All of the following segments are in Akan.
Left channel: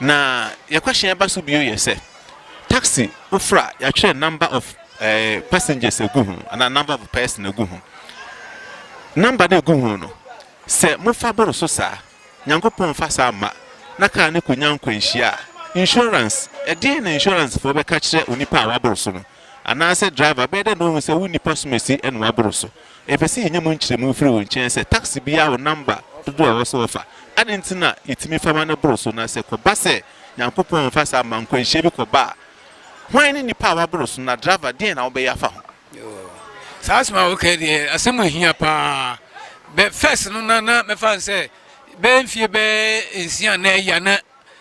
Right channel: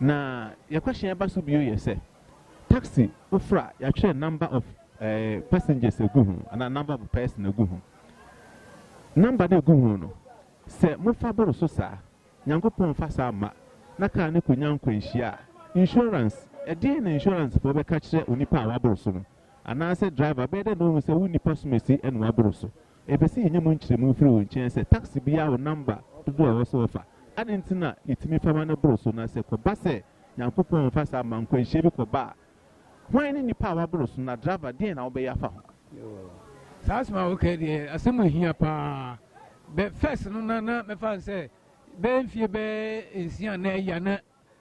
na your question about so bio say taxi ofra ya try number of passengers egu ho and a number of person egu ho number na egu ho no say mo fa boro so sa nyankopon fa sa ma na ka ne konyanko nhia insurance e na insurance for be ka kire onipa a waboro so no ana say driver be dey no say woni pasumesi en waboro so e be say nyam nkire mu free won chen say taxi bia wo number do a wo so offer adentina itimi fama na boro so na say ko ba say nyankopon fa sa ma nkwanhia bi ko ba why ni nipa waboro so na driver dey na wo be yafa ho sa asma okay dey asema hia pa be first no na me fan say be mfie be ensia na ya na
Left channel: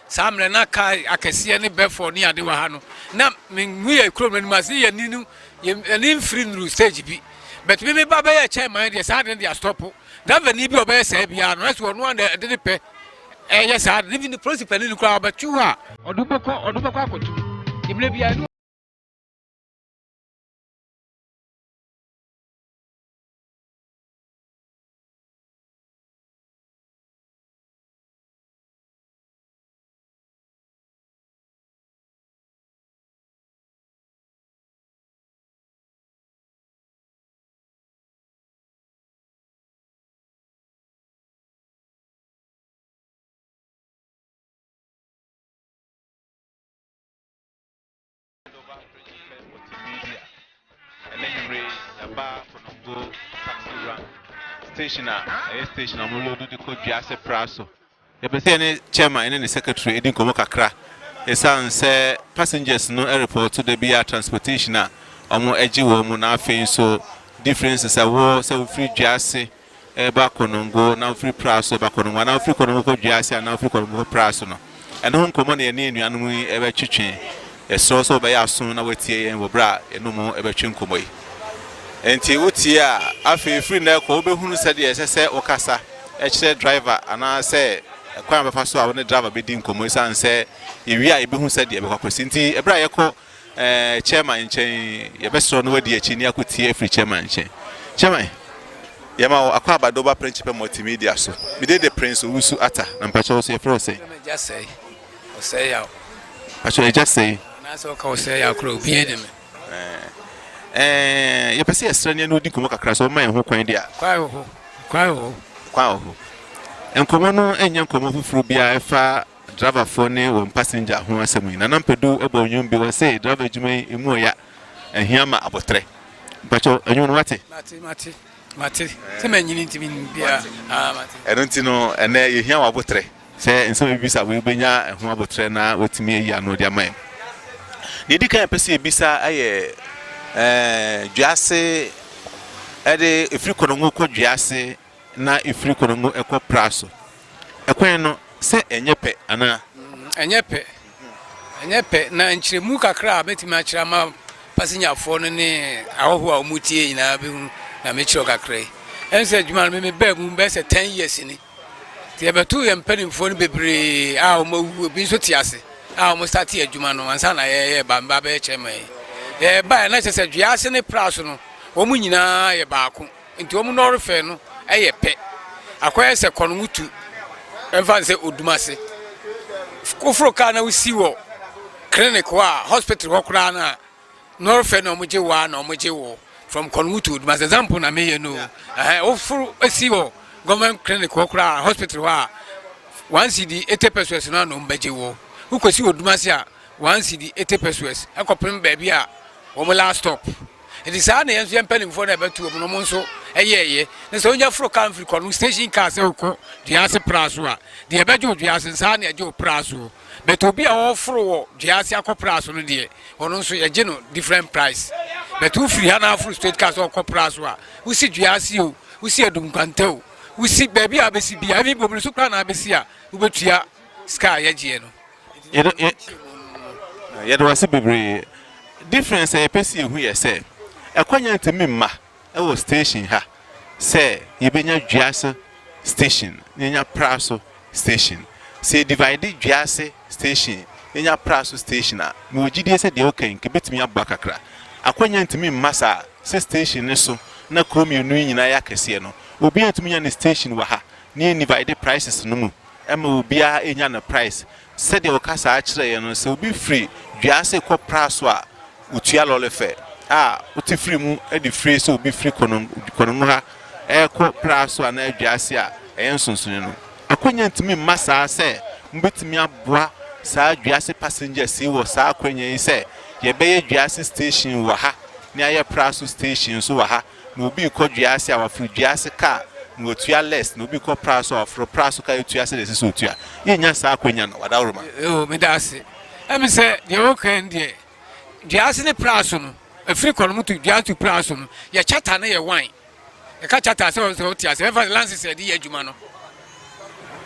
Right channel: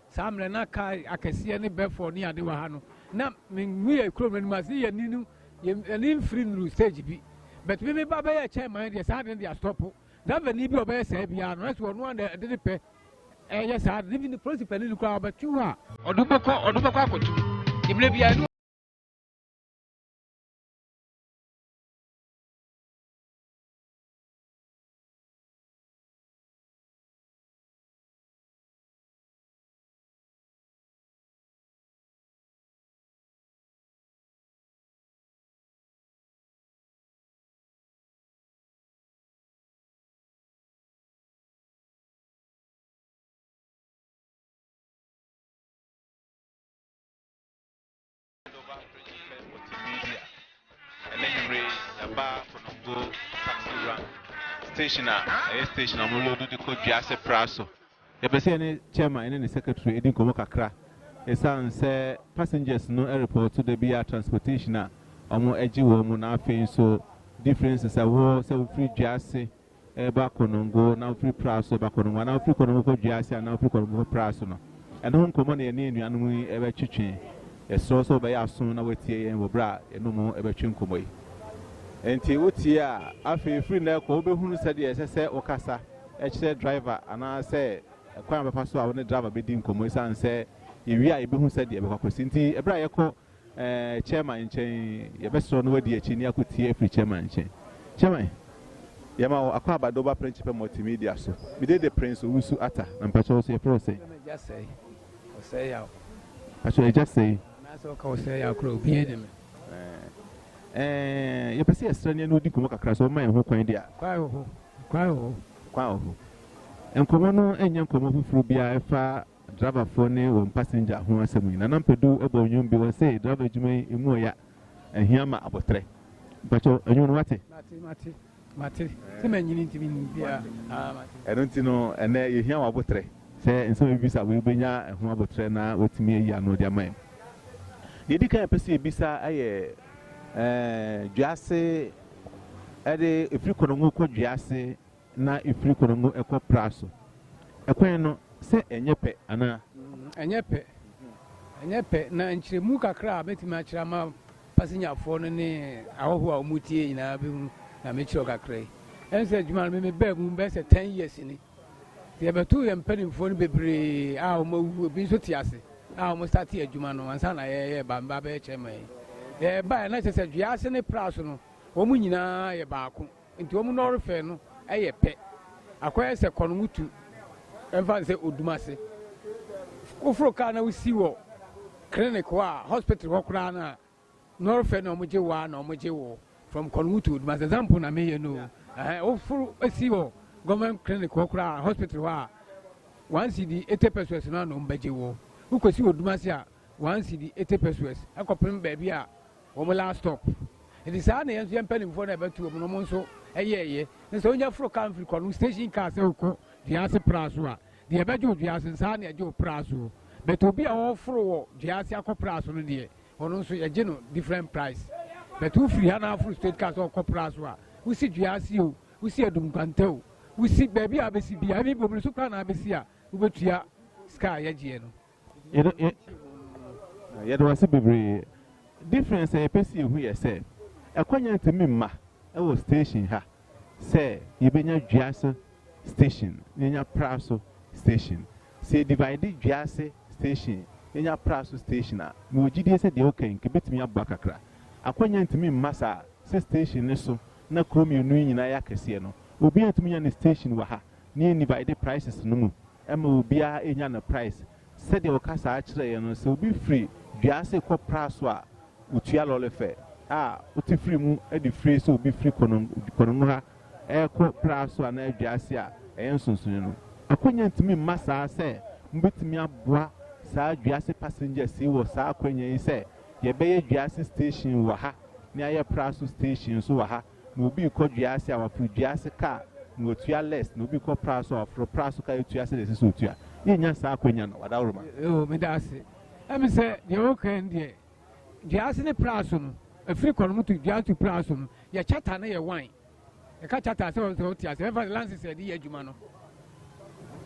samre na ka akese ne be for ni ade wa ha no na me ye krom ni ma se ye ni nu ye free no stage bi but me ba be ye chairman dey sa dey stop driver ni bi obe say bia no so no na de pe yes sa living the principal ni kura ba tu ha odubeko akotu imle bia ni station amulo do ko Duase Praso e be say ne chairman ne secretary edin komo kakra e san say passengers no airport to the bia transportation a omo agi wo mu na afin so differences awo say free Duase e ba konongo na free Praso ba konongo na free konongo ko Duase na free konongo Praso no e no komo na ne nuanu e be twetwe e so be ya so na watie yen wo bra e no mu e be twen komo yi enti wuti a afi free na ko obehunu sade ese okasa e kire driver ana se kwan befa so a woni driver be din komo san se ewi a ebehunu sade e be kwakwesi enti e bra ye ko chairman nchen ye be so no wadi achi ni akotie free chairman nchen chairman ye ma akwa abadoba principal multimedia so we dey the prince Owusu ata na mpacho so ye fro say just say ya actually just say na so ka say ya kro bi edem ye pese esrane no di komo kakra so man ho kwan dia kwa ho enkomo no enya nkomo fufuru bia efa driver for ne won passenger ho asemu na nampedu ebo nyum bi wo say driver juma emu ya ehia ma abotre bacho enyu no wate mate se manyini ntimi bia mate enunti no ene ehia wa abotre se enso bibisa we benya ho abotre na wetimi eyi ano dia man de dika pese ebisa aye Duase ede ifri konongo ko Duase na ifri konongo eko Praso ekwen no se enyepe ana enyepe na nchiremu kakra betima achira ma passenger fo no ne ahoho a omutie nyina be na mechiro kakra ense adwuma me ba mu be se 10 years ni tie betu ye mpanimfo no bebre a omawu bi so tiase a omo start adwuma no ansa na ye ba be chema ba na se Duase ne Praso no omu nyina ye baako nti omu no refe no eye pe akoye se konumutu emfa se odumase kofro ka na usi wo clinic wa hospital wo kura na no refe no omuje wa na omuje wo from konumutu odumase example na me ye no ofro asi wo government clinic wo kura hospital wa 1 cd 80 pesos na no mbeje wo ukosi odumase a 1 cd 80 pesos akopem ba bia wo last stop it is an yenso yempelling for na betu no mo nso eyeye ne so nya fro kan free konu station car se ko Duase Praso a de beju Duase nsa na eje Praso betu bi a wo fro wo Duase akọ no de ono nso eje no different price betu free ha na fro state car so akọ Praso a usi Duase o usi edum kwante o usi baby a besi bia bi bobru so kra na besi a ubetua sky yeje no ye do wase bebre difference e pesi ehu ye say ekwanya ntimi mma e wo station ha say ye benya Duase station nyanya Praso station say divide Duase station nyanya Praso station a me ogide say de okan ke betimi abba kakra akwanya ntimi mma sa station ne so na kromi enu nyina ya kese no obi antumi nya ne station wa ha ne divide prices no mu ema obi a enya na price said the Ocasa actually, and so be free. Diase co praswa, Utia lolefe. Uti free mu, edi free so be free kononga, co praswa na Jasia, and Sunsunino. According to me, Massa say, Mbit me a bois, Sa Diase passenger see was Sa Quenya say, Ye bay Diase station waha, near your prasu station so waha, no be called Diasia or free Diase car. No tua less, no be called praso or for praso ka tua se de so tua. Yenya sa akwanya no wada roma. Me da se. Em se de o kan de. Dia se ne praso no. Afri kono mutu dia tu praso no. Ye chata na ye wan. E ka chata se o tia se fa lance se de ye adwuma no.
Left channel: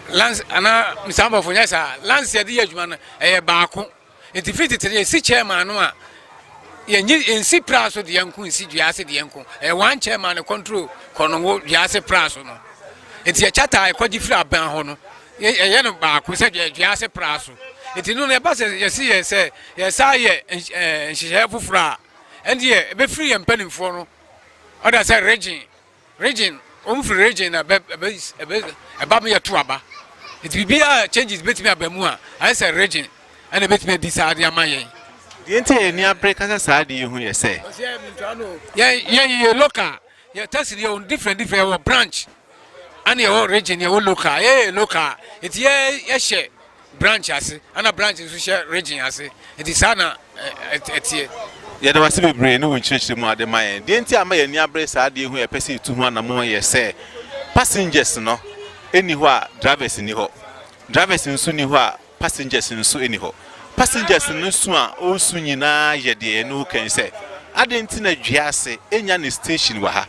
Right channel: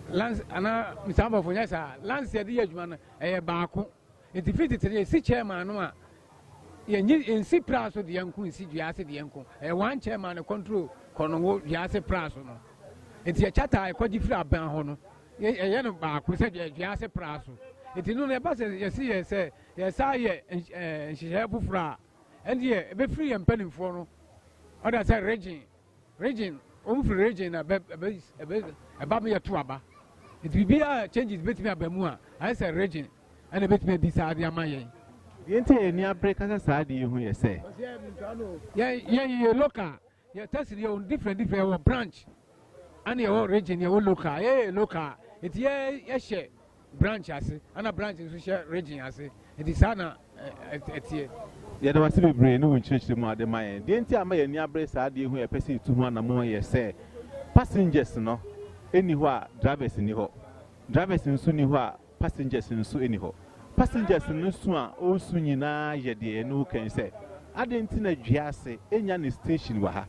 Lance ana misamba fo nya sa lance se de ye adwuma no e baako. Enti fit tire si chairman no a in si praso de yanku in si diase de yanku one chairman control kono diase praso no enti e chata e kwaji firi aban ho no ye no ba ko se diase praso enti no na ba se ye si ye se ye sa ye nhihye fufura endi e be free empanimfo no oda say region free region na be me ye to aba enti bibia changes betimi abamu a I say region and betimi decide amaye The entire near breakers aside, you hear say. Yeah, local. Yeah, that's your different branch. And your own region, your own local. Yeah, local. It's yes, branch as and a branch is region as it is Anna. Yeah, there was a brain who church the more than my the entire may near brace idea who a person to one or more, yes, say. Passengers, no, anywhere, drivers in the drivers in Suniwa, passengers in Su anyhow. Passengers no so a o su nyina ye de no kan say adentina duase enya ne station wa ha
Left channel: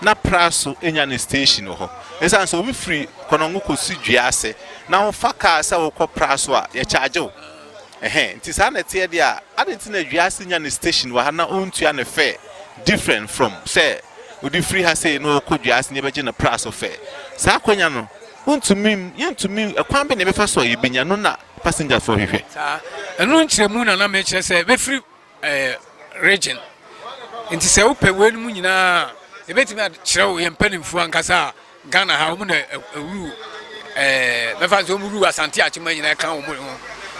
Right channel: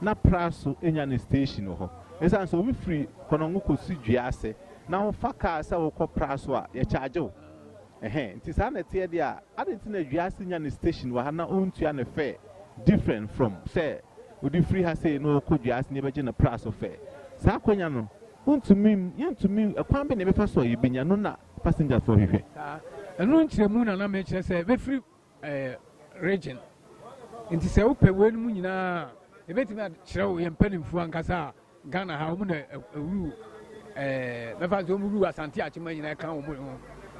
na praso enya ne station ho esan so we free kono ngo kosu duase na ho faka sa wo kɔ praso a ye charge o nti sa na tie de a adentina duase enya ne station wa ha na ontua ne fare different from say odi free ha say no kɔ duase ne beje na praso fare sa akonya no untumi yentumi ekwan be ne be fa so ye benya no na passengers for hwehwe enu nkyeremu na me kire say be free region nti say wo pe wenu mu nyina e betimi a kire wo yempanimfu ankasa Ghana ha wo na ewu me fa so mu ru asante achema nyina kan wo mu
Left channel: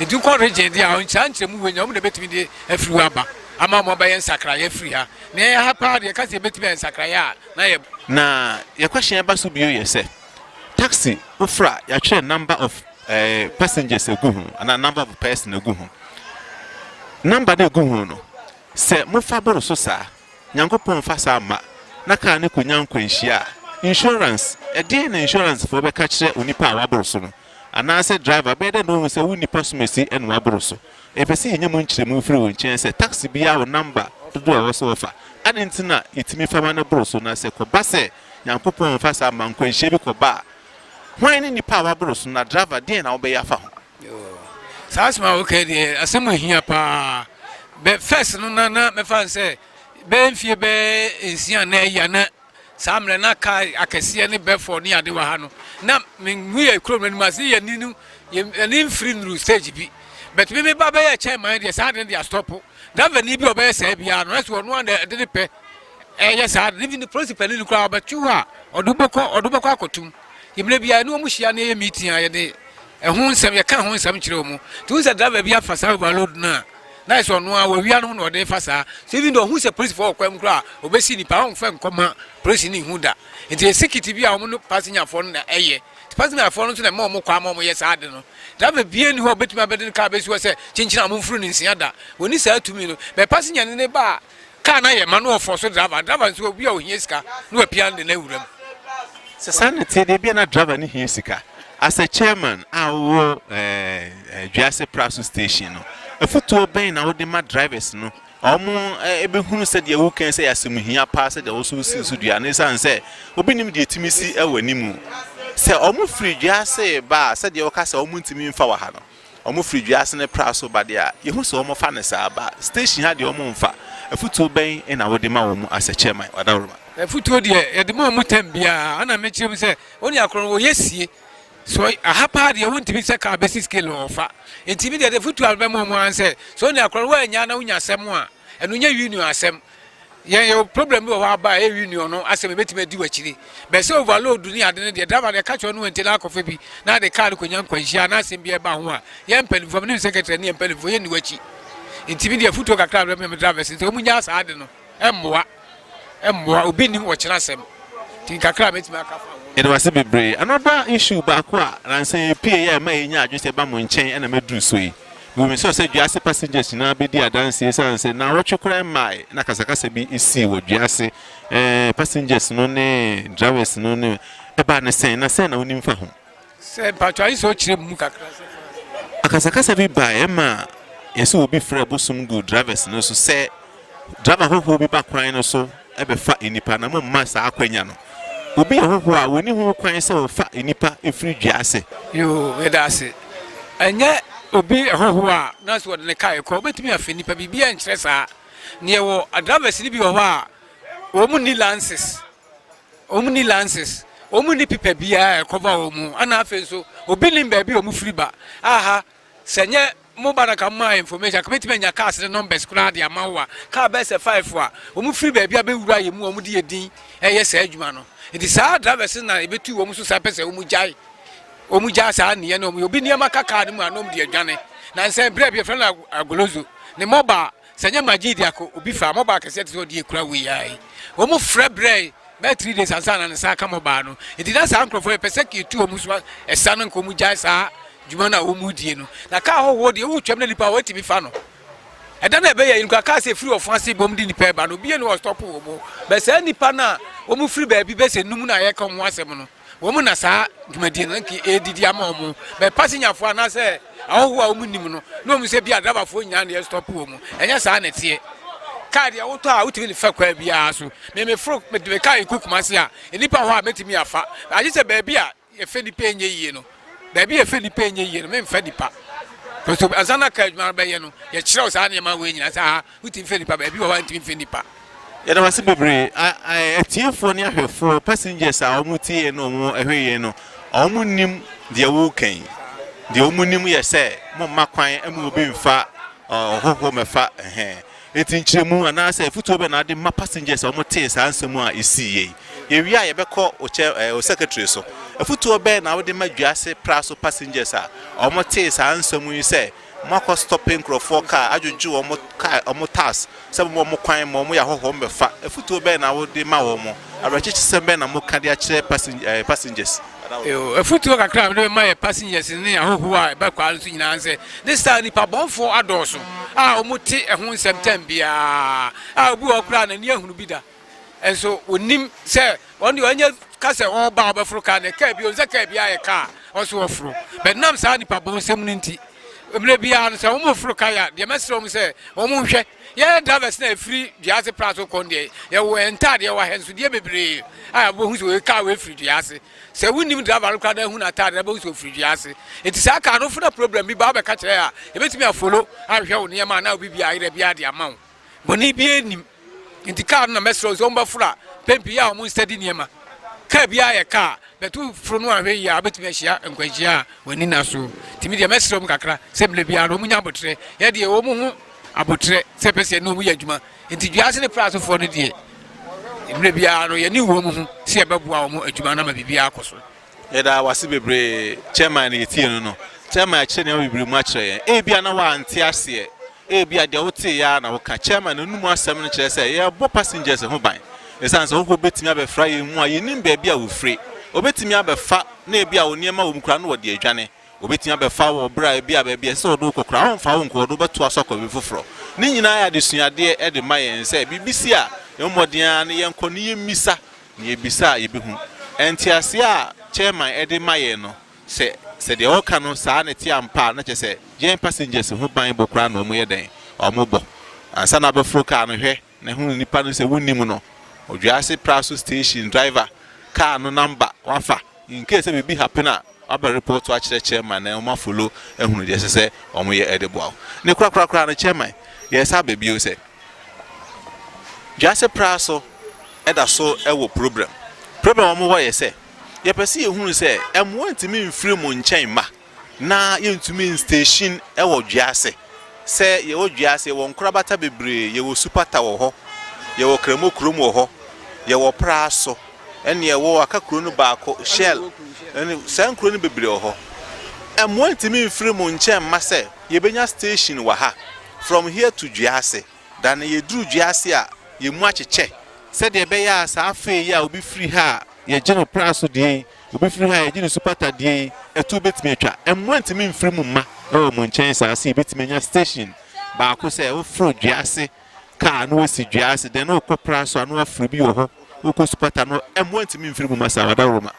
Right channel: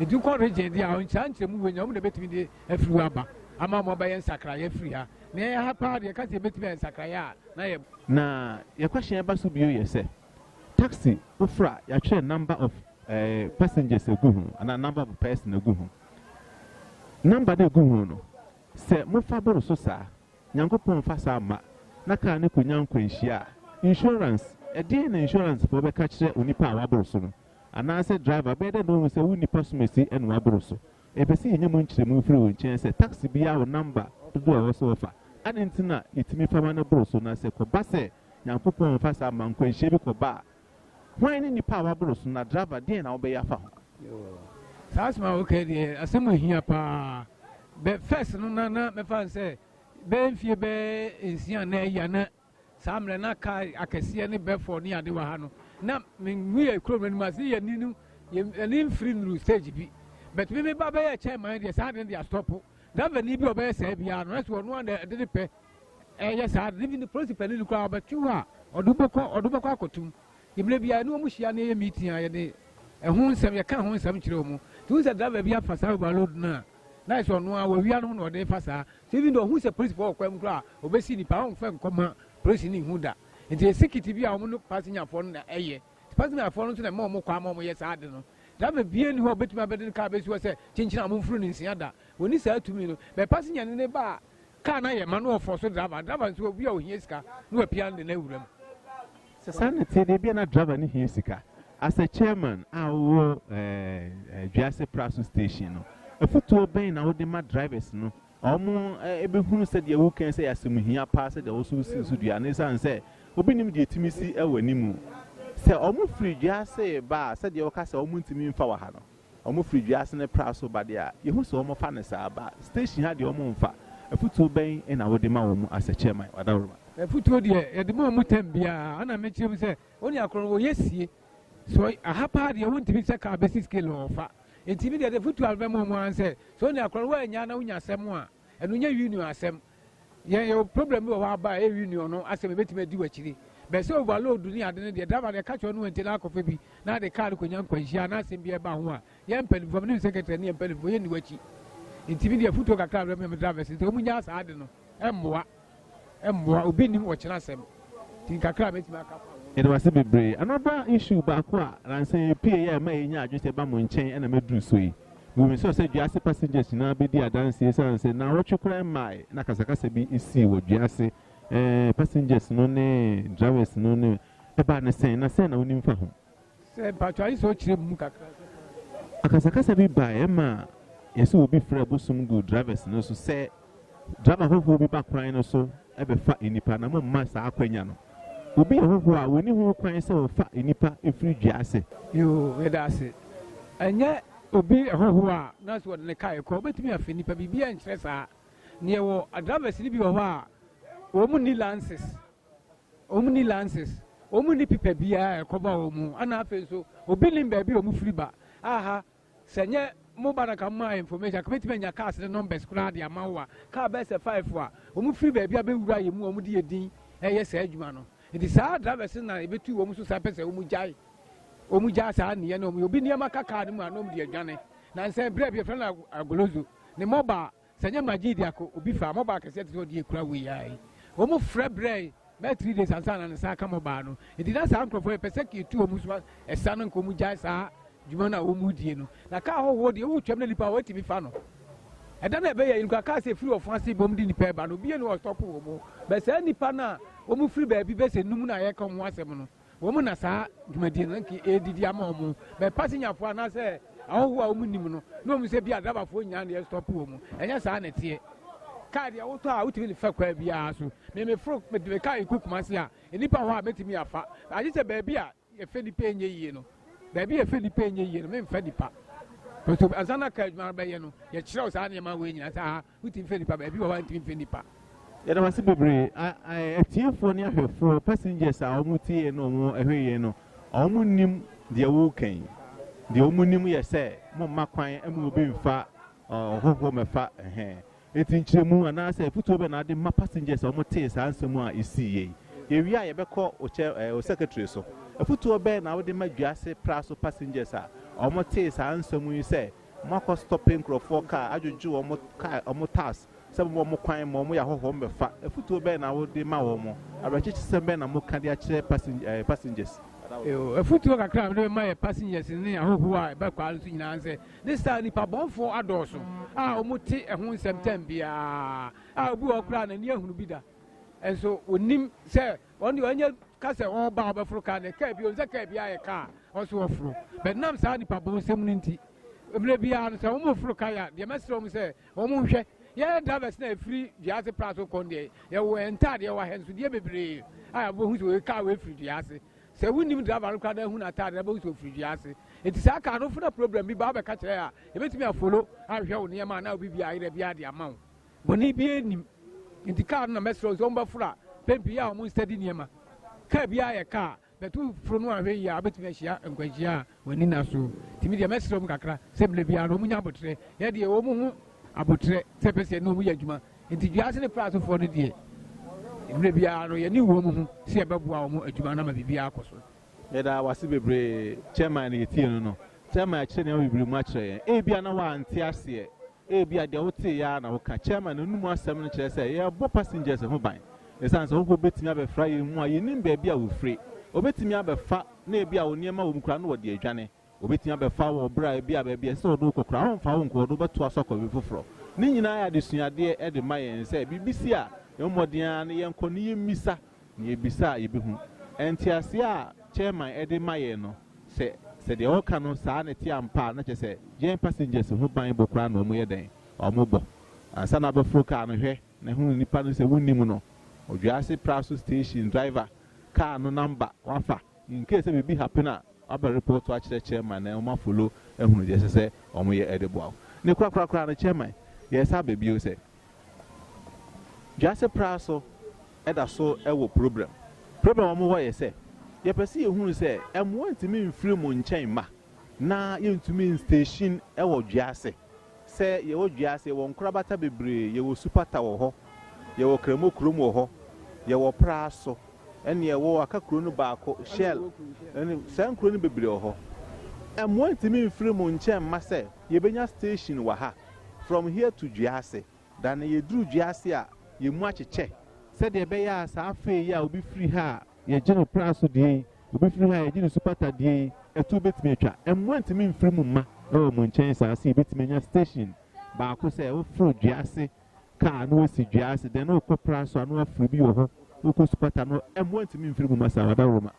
nti ko region dia on nkyeremu wenya wo na betimi de afiri aba ama mo ba yen sakra ye free ha na ye ha pa de ka say betimi en sakra ya na ye question ba so bio ye say taxi ofra ya try number of passengers eguhu and a number of person eguhu number de eguhu no se mo fa boro so sa nyankopon fa sa ma na ka ne konya nkwanhia insurance e dey na insurance for be ka kire onipa a waboro so no ana se driver be dey no se unipa so mesi en waboro so e be se nyem nkyeremu firi won chen se taxi bia wo number do a wo so fa adentina itimi fa ma na boro so na se ko ba se nyankopon fa sa ma nkwanhia bi ko ba why any power bros na driver dey na obey afa ho sasma okay dey asema hia pa be first no na me fan say be mfie be ensia na ya na samre na ka akese ne be for ne ade wa ha no na me ye krom no ma se ye ninu ye free no stage bi but me ba be ye chairman dey sa dey stop driver ni bi obey say bia no so no na de pe yes I even the principal ni kura abachu ha odubeko akotum yemle bia no mu hia na ye meeting aye de ehun nsem ye kan ho nsem kire omu tu say driver bia fasa overload na so no a wawia no de fasa so even though who say police for kwam kura obesi ni pa on fa nkoma police ni hu da nti security bia omu no passenger for na eye passenger for no so na mo kwa mo yes ade no driver bia ni ho betuma beden ka besi wo say chinchina mo furu ni nsia da woni sa atumi no be passenger ni ba car na ye manu of so driver so bia o hiesika no apia de na wuram se sanity de bia na driver ni hiesika as a chairman our Jase Praso station no afuto ben na wo de ma drivers no omo ebehunu se de wo kan se yasem hia pa se de wo so si so dua ne san se obinim de timisi ewanimu se omo free Jase ba se de wo ka se omo ntimi mfa wa ha no omo free Jase ne Praso ba de a yehu se omo fa ne sa ba station ha de omo mfa afuto ben na wo de ma wo mu as a chairman wadawroma afuto de ye de mo tambia ana me chirem se oni akron wo yesie so a hapa de won tibi se ka basic scale ofa ntimi de futu album mo answer so ni akron wa nya na unya asem a enu nya union asem your problem with our by a union, as a bit me do actually. But so overload dunia than the driver the catch on went to lack of baby. Now the car could young question, as in be about one. Young penny from new secretary and penny for any watchy. Intimidate foot of a crowd remember drivers into Munas, I don't know. More, being watching us. Think a crab, it's my car. It was a bit brave. Another issue back and say, P. may just a bum chain and a medru sway. We so say just passengers now be there dancing and say, now what you cry my Nakasaka be is see what you say. Passengers no name, drivers no name. A banner saying, I send on him for home. Say, but I saw Chimuka. Akasakasa be by Emma. Yes, will be for some good drivers no so say. Driver who will be back crying or so. Ever fat in the Panama Master Aquaniano. Will be a who when you cry so fat in Nipa in free jassy. You, that's it. And yet, Obi a who are that's what the car call, but me a Finipa be and Tressa near a driver sleepy or Omuni lances. Omuni lances. Omuni pipe be a cover omu, and I feel so. Obiling baby or Mufriba. Aha, Senya. Mobile come information. Commitment your cast the numbers. Kuna the amawa. Car best a 5 wa. Omu free baby abe ura yemu omu di edin. Yes edwuma. It is hard drivers na ebe tu omu so sapese omu jai. Omu jai sa ni no omu obi ni amaka card mu anom di edwane. Na nse bre be friend agolozo. Ne mobile senya magidi ako obi fa mobile kese te odi ekura we yai. Omu frɛ bre. By 3 days and son and Saka Mobano. It did not uncle for a persecute to Muswa, a son and Komujasa, Jumana Umudiano. The car hold the old chimney power to be fano. I don't know in Kakase free of fancy bombed in the pair, but Obian was top over. But any pana, Omu free baby, best and Numuna come once a mono. Woman as I, Jumadinki, A. Diamomo, by passing your fan, I say, oh, Munimono. No, Mr. Bia Dava for Yan, stop woman, and yes, I net here. Cardia out out in the fuck where we are so. May frog met the car cook Marcia, and Nipa who met me a fat. I just a baby, a Fendi Payne, you know. Baby, a Fendi Payne, you know, Fendi Pap. So, as Anna Kajmar Bayano, your shows animal winning as I put in Fendi Pap, baby, want to Fendi Pap. Yet I was a baby. I tear for near her for passengers are muti and no more away, no. Omunim, the Woking. The Omunim, yes, sir. Mamma Quine and will be fat or home fat hair. It's in Chimu and I say, football and I did my passengers or more taste and some more is CA. If we are ever call or chair or secretary, so a football band, I would imagine just price of passengers are or more taste and some you say, Marco stopping for car, I do or more car or more task, some more crime, more home, a football band, I would demand more. I register some band and more cardiac passengers. A football crowd, my passengers in there who are backwards in answer. This time, the pabon for adults. Ah, Muti and one September. Ah, we are planning young bidder. And so, when Nim say, on the onion castle or barber for car, the cab, you a car, also a fro. But now, Sandy Pabon Seminity. Maybe I answer almost for Kaya, the master say, almost. Yeah, drivers free, the other Prato Conde. You were entirely our hands with the baby. I will car with free the assay. So we need to have a look at who are tired about so free the assay. It is a kind of problem. Be Baba catch here. If it's me a follow, I'll show near man now be the amount. When he be in the car, no message on Bafra, Pempia, most steady near ma. Cabia a car, but two from one way, I bet me share and Quasia when in Asu. Timid message from Kakra, simply be a Romania Botre, yet the Omo. Abotre sepese no mu yadwuma enti duase ne praso for ne die mre bia no ye ni wo mu se ebeboa wo adwuma na ma bibia akoso yeda wase bebre chairman ye tie no chairman akye ne bebre mu akye e bia na wa ante ase e bia de wo tie ya na wo ka chairman no mu asem no kire se ye bo passengers ho ban esanse wo betimi abefra ye mu a ye nim ba bia wo free obetimi abefa na e bia wo niema wo mkura no wo de adwane obetimi abefa wo bra bia ba bia se odo kokra onfa wo nko odo beto asokọ be foforo ni nyina ya de suade e de mayen se bibisi a yomodian ne yenko ne yemisa ne yebisa yebehu entiase a chairman e de mayen no se de oka no saa ne ti ampa na che se yen passengers ho ban bokra no mo yeden o mo bo ansa na befro car no hwe ne hu nipa no se wonnim no odwase praso station driver car no number wafa in case be happen na aba report to akire chairman na o ma follow ehunu de se o mo ye edebo ne kura na chairman yes ha baby o se jase praso eda so ewo problem o mo wo ye se ye pese ehunu se emo ntimi mfiri mo nchen ma na ye ntumi station ewo jase se ye wo jase wo nkura bata bebre ye wo super tower ho ye wo kremo krom wo ho ye wo praso ene ye wo aka kro no baako shell ene san kro no bebre wo ho emo ntimi mfiri mu nche mma se ye benya station wa ha from here to Juase dan ye duru Juase a ye mu acheche se de be ya sa afa ya obi free ha ye gene praso de obi free ha ye gene supata de etu betimi atwa emo ntimi mfiri mu mma o mu nchen sa se betimi nya station baako se wo fro Juase ka no si Juase de no ko praso anu afri bi wo ho wo supata no emo ntimi mfiri mu masa wada roma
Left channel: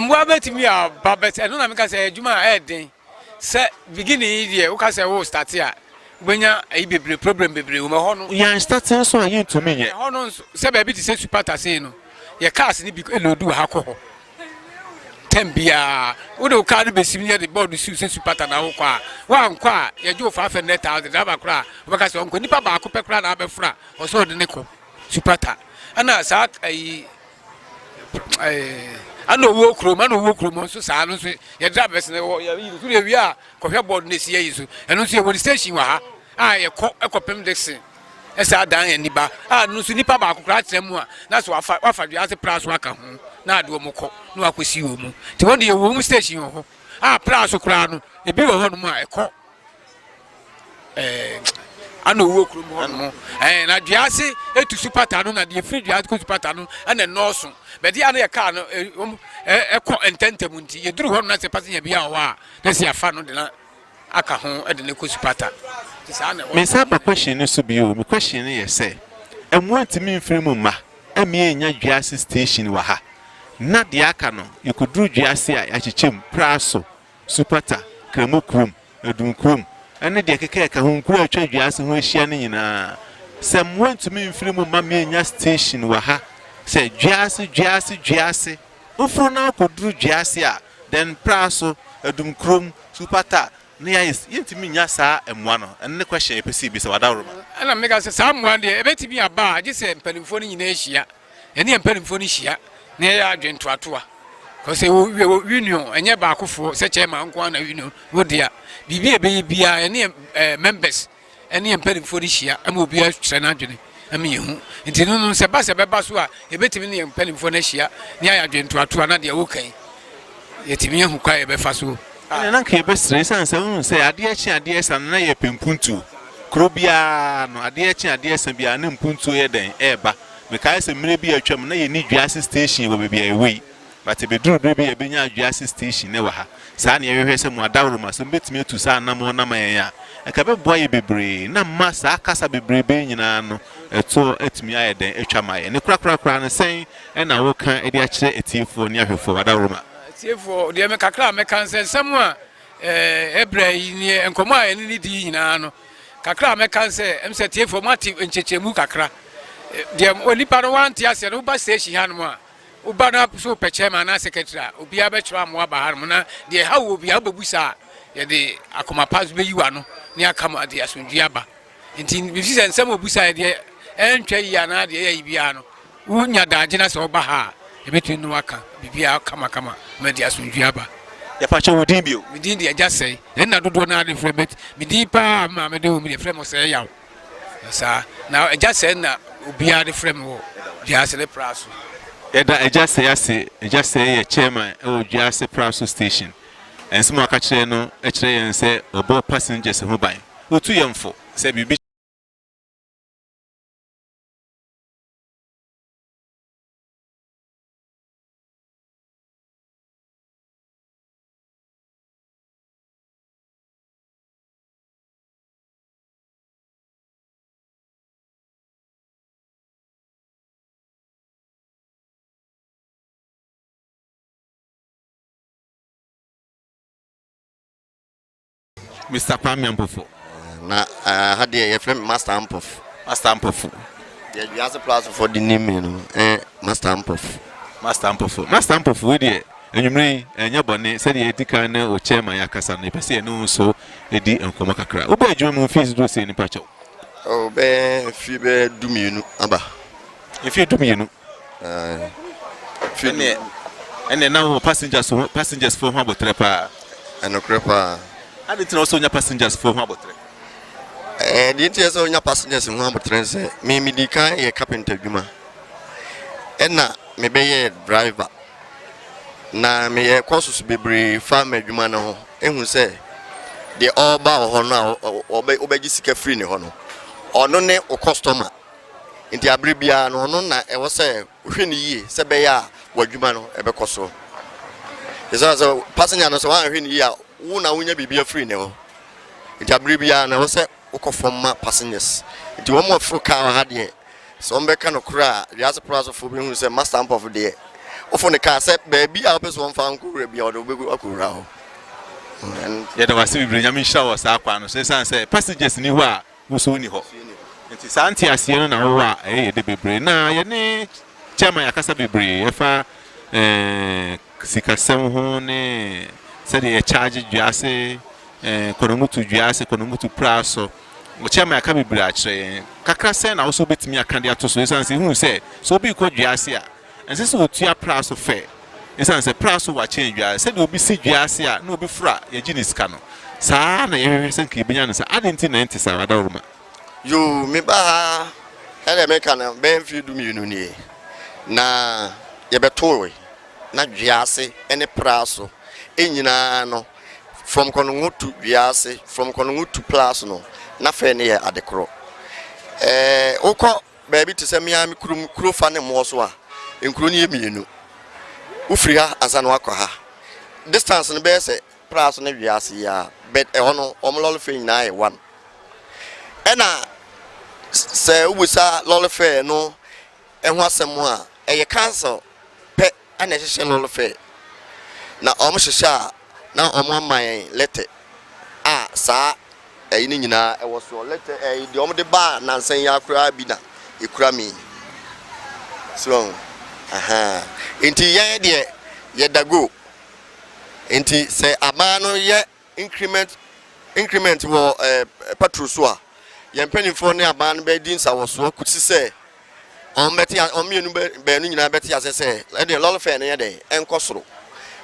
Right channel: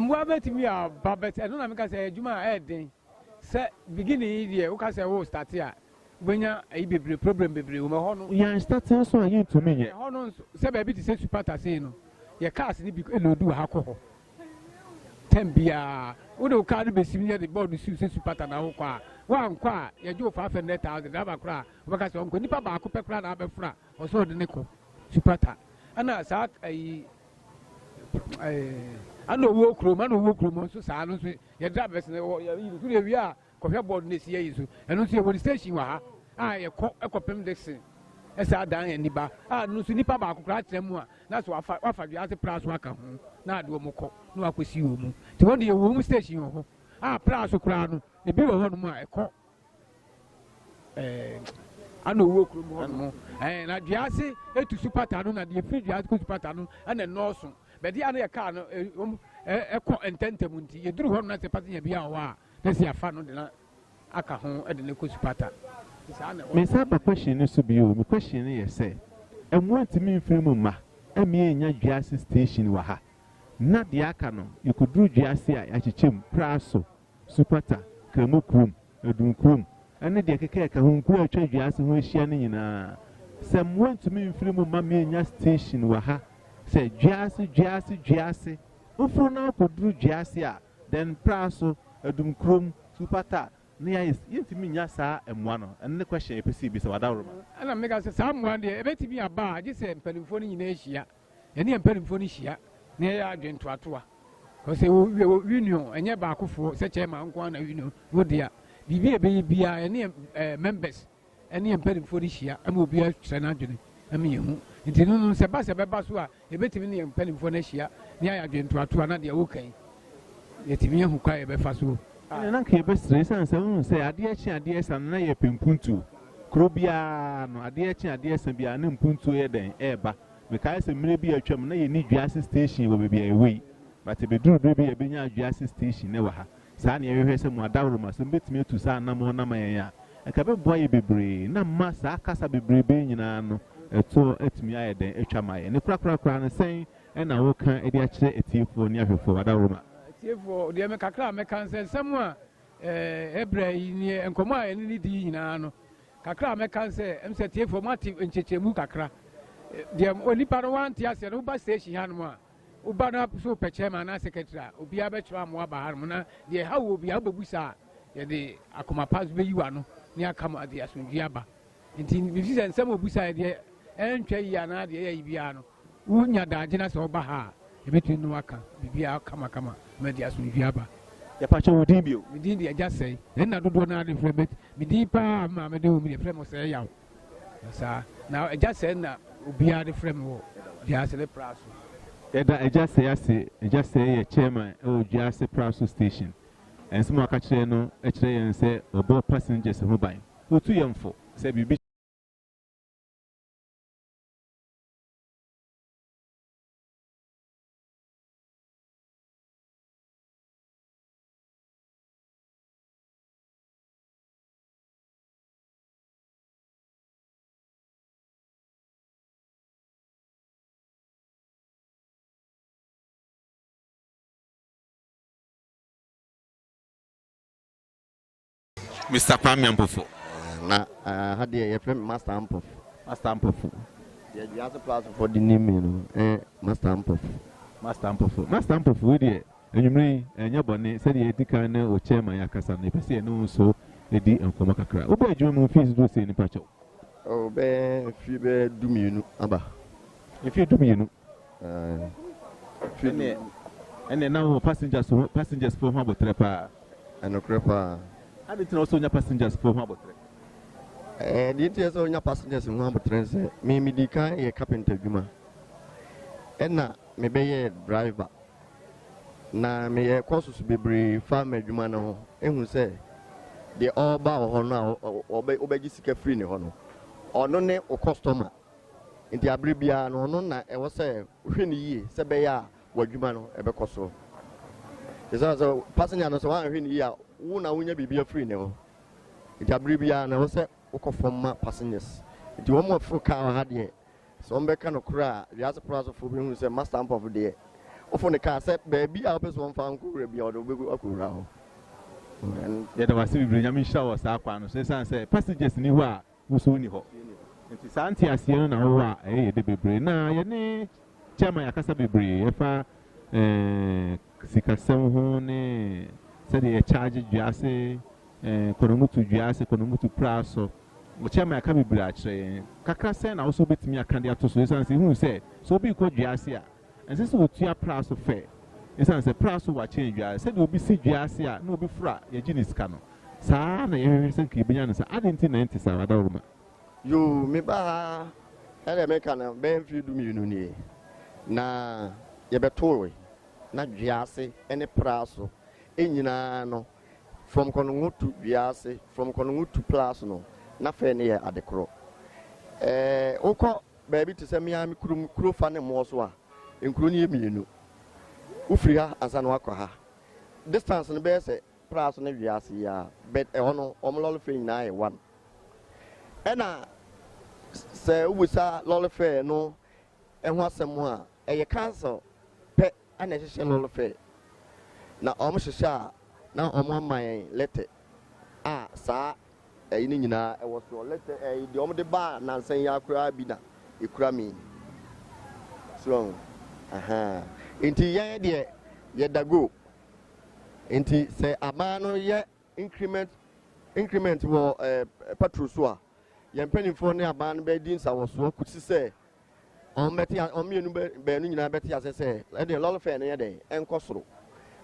mwa betimi a babet eno na meka se adwuma eden se beginning here wo ka se wo start a gbenya ayi bebre problem bebre wo me ho no ya start so ayi to me ye ho no se ba bi ti se supata se no ye cars ni bi elodu ha ko ho tembia wo do car be sim ye the board su se supata na wo kwa wa nkwa ye jo 500,000 da ba kra wo ka se onko nipa ba ko pe kra na be fra o so de ne ko supata ana sa ayi ano wo krom so saa no so ye drivers ne ye yi so wi a ko hwe board ne si yi so eno so ye wo station wa ha a ye ko ekopem dexin esa dan ani ba no so nipa ba akokra trem a na so wafa Juase praso aka ho na ade wo mko na akosi wo mu ti won de ye wo mu station ho praso kra no e bi wo ho no mu a ekọ ano wo krom ho no na Juase etu supata no na de free Juase ko supata no na nọọsụ be dia na ye car no ekọ ententem nti ye duru ho na se passenger bia ho a na se afa no de na aka ho de ne ko supata ti sa na me sa ba question so bi o me question ye say emu antimi mfiri mu ma emi enya Juase station wa ha na de aka no ye ko duru Juase a ya chechem praso supata kremo krom edun krom ene de keke ka ho nkuru atwa Juase ho ahia ne nyina se mu antimi mfiri mu ma me enya station wa ha se Juase ofro na ko duru Juase a then praso edum krom supata na ya yentimi nya saa emwa no enne question epesi bi se wada roma ana mega se saa mwa de ebetimi aba agi se mpanimfo ni nyina ehia ene mpanimfo ni hia na ya adwento atoa ko se union enye ba akofo se chairman nko na union wo dia bibi ebe bia ene members ene mpanimfo ni hia ama obi atwa na adwene ami yehu nti no se ba so a ebetimi ne mpanimfo na hia na ya adwento atoa na de wo kan yetimi ehu kwa ebe fa so ene na ke be stress san se se ade san na ye pempuntu krobia no ade san bia na mpuntu ye den eba me kai se mire bi atwam na ye ni Juase station wo bia ewe but be duru be ye benya Juase station ne wa ha sa na ye hwehwe se mu adawro ma so betimi etu sa na mo na ma ye ya e ka be boy bebre na ma sa akasa bebre be nyina no eto etimi aye den etwa ma ye ne kura no sen e na wo kan e de a kire etifo ne ahwefo adawro ma etifo de me kakra me kan se samu a ebra yi ne enkomo a ni di nyina no kakra me kan se em se etifo mati enchechemu kakra de onipa no wanti ase no ba station hanu a uba na so peche ma na secretary obi abetwa mo aba hanu na de ha wo obi ababusa ye de akoma pass be yiwa no ne akama de asundua aba nti bi fi se nsem obusa ye de entwa yi ana de ye bia no unya da agina se oba ha ebetu no aka bibia kama ma de asundua aba ya pa che wodin bio midin de agya sei na dodo na de frebet midin pa ma me de o mi de frem sei yaw sa na agya sei na obi a de frem wo Juase le praso eda eja say ye chairman o Juase praso station ensimo aka kire no e kire yen se obo passengers ho ban otu yemfo se bibi Mr. Kwame Ampofo na had the friend Master Ampofo the Juase praso for the name no Master Ampofo we dey enyumre enya bone se dey edikan na o chairman yakasa na pese no so edi enkomo kakra wo ba adwuma mu fees do se ni pacho o be fi be dumienu aba if you dumienu ene na wo passengers for ho abotre pa enokrepa I didn't also nya passengers for ho abotre The interest of your passengers in one train say, me the car a carpenter juma. And now, me be a driver. Na me a course be brave farmer juma no, and who say, the all bow honor or obey Jessica free no honor. Or no name or customer. In the abribia no na e was say, within ye, Sabaya, what jumano, ebe coso. It's also passenger no so one win ye, una win be a free no. In the abribia no say, Oko from passengers. It one more for car had ye. Some beckon of cry, the other price of who say, must stamp of the day. Often the car said, baby, I'll be one found could be or the big Okura. And yet, I was bringing showers up and say, passengers in Iwa, who soon you hope. It is Auntie Asiana, the baby. Now, your name, Chama Yakasabi, if I Sikasem Hone, said he charged Jase. Konomutu Jase, Konomutu Praso, which I may come bratch. Kakra sen also bit me a candidate to Susan, who said, so be called Jasia, and this will tear Praso fair. It's answer Praso what change. I said, will be see Jasia, no be fra, your genius cano. Sana, everything Kibians, I didn't think 90 Saradorma. you me ba had a mechanic, Benfield Muni. Na Yabatoy, not Jase, any Praso, Injinano. From Konongu to Biase, from Konongu to Plasno, nothing near at the crow. Oko, baby, to send me a crew fan and Moswa, including me. Ufria as an wakaha. Distance and best Plasno Biasia, bet a honor, omololfin nigh one. And I say, we saw Lolafair, no, and what's some more, a council, pet, and a Lolafair. Now, almost a shah. Now on my letter. Ah, sir, a nina, I was your letter, a dom de bar, Nansen Yakra Bina, you crammy. So, aha, into ye, dear, yet the go. Into say a man or yet increment will patrusua. Yan penny for near man beddings, I was so could say. On Betty, on me, Benin, Betty, as I say, let the lot of fair day, and Cosro.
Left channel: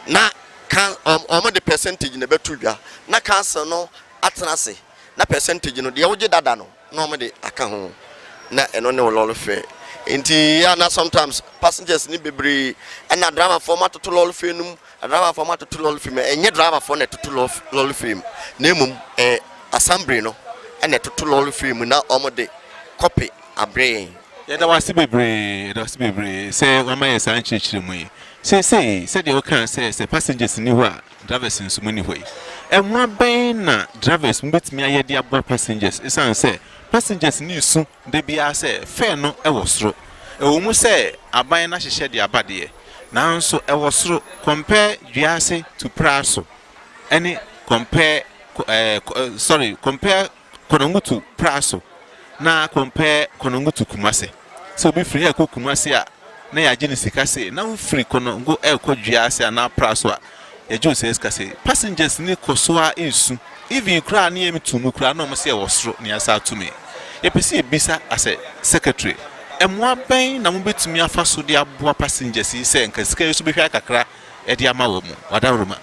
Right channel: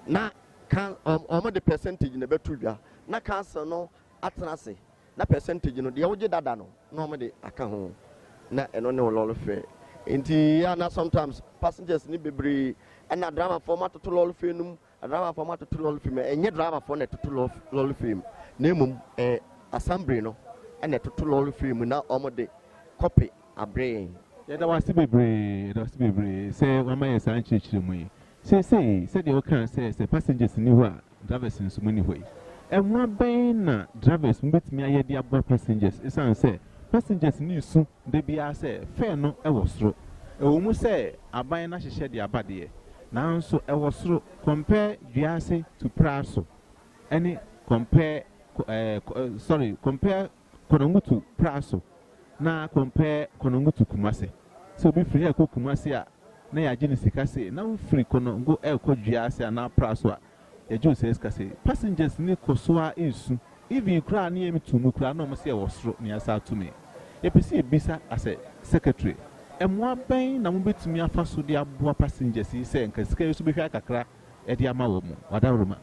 Now, can the percentage in the betuga na cancer no atenase na percentage no de oje dada no normally aka ho na eno ne lolo fe enti ya na sometimes passengers ni bebre na drama format to lolo fe num drama format to lolo fe enye drama for na to lolo fe na emum assembly no na to lolo fe na omode copy abre Yeah, that was bebre, say, one man is anxious. Say, said you can say, passengers in Niwa, drivers in so many ways. And one bane drivers met me a dear boy passengers. It's answer, passengers knew soon, they be I say, fair no, I was through. A woman say, I buy a nash shed your body. Now, so I was through, compare Giase to Praso. Any compare, compare Konongu to Praso. Na compare Konongu to Kumasi. So be free ako Kumasi na ya jini sikase na free Konongu ko Giase na Praso ya jo says kase passengers ni kosoa insu even kra na yemi tumu kra na mo se wosro ni asa to me ye pese bisa as a secretary emwa ben na mo betumi afa so de aboa passengers yi se nkasika yesu be hwa kakra e de ama wo mu wadaruma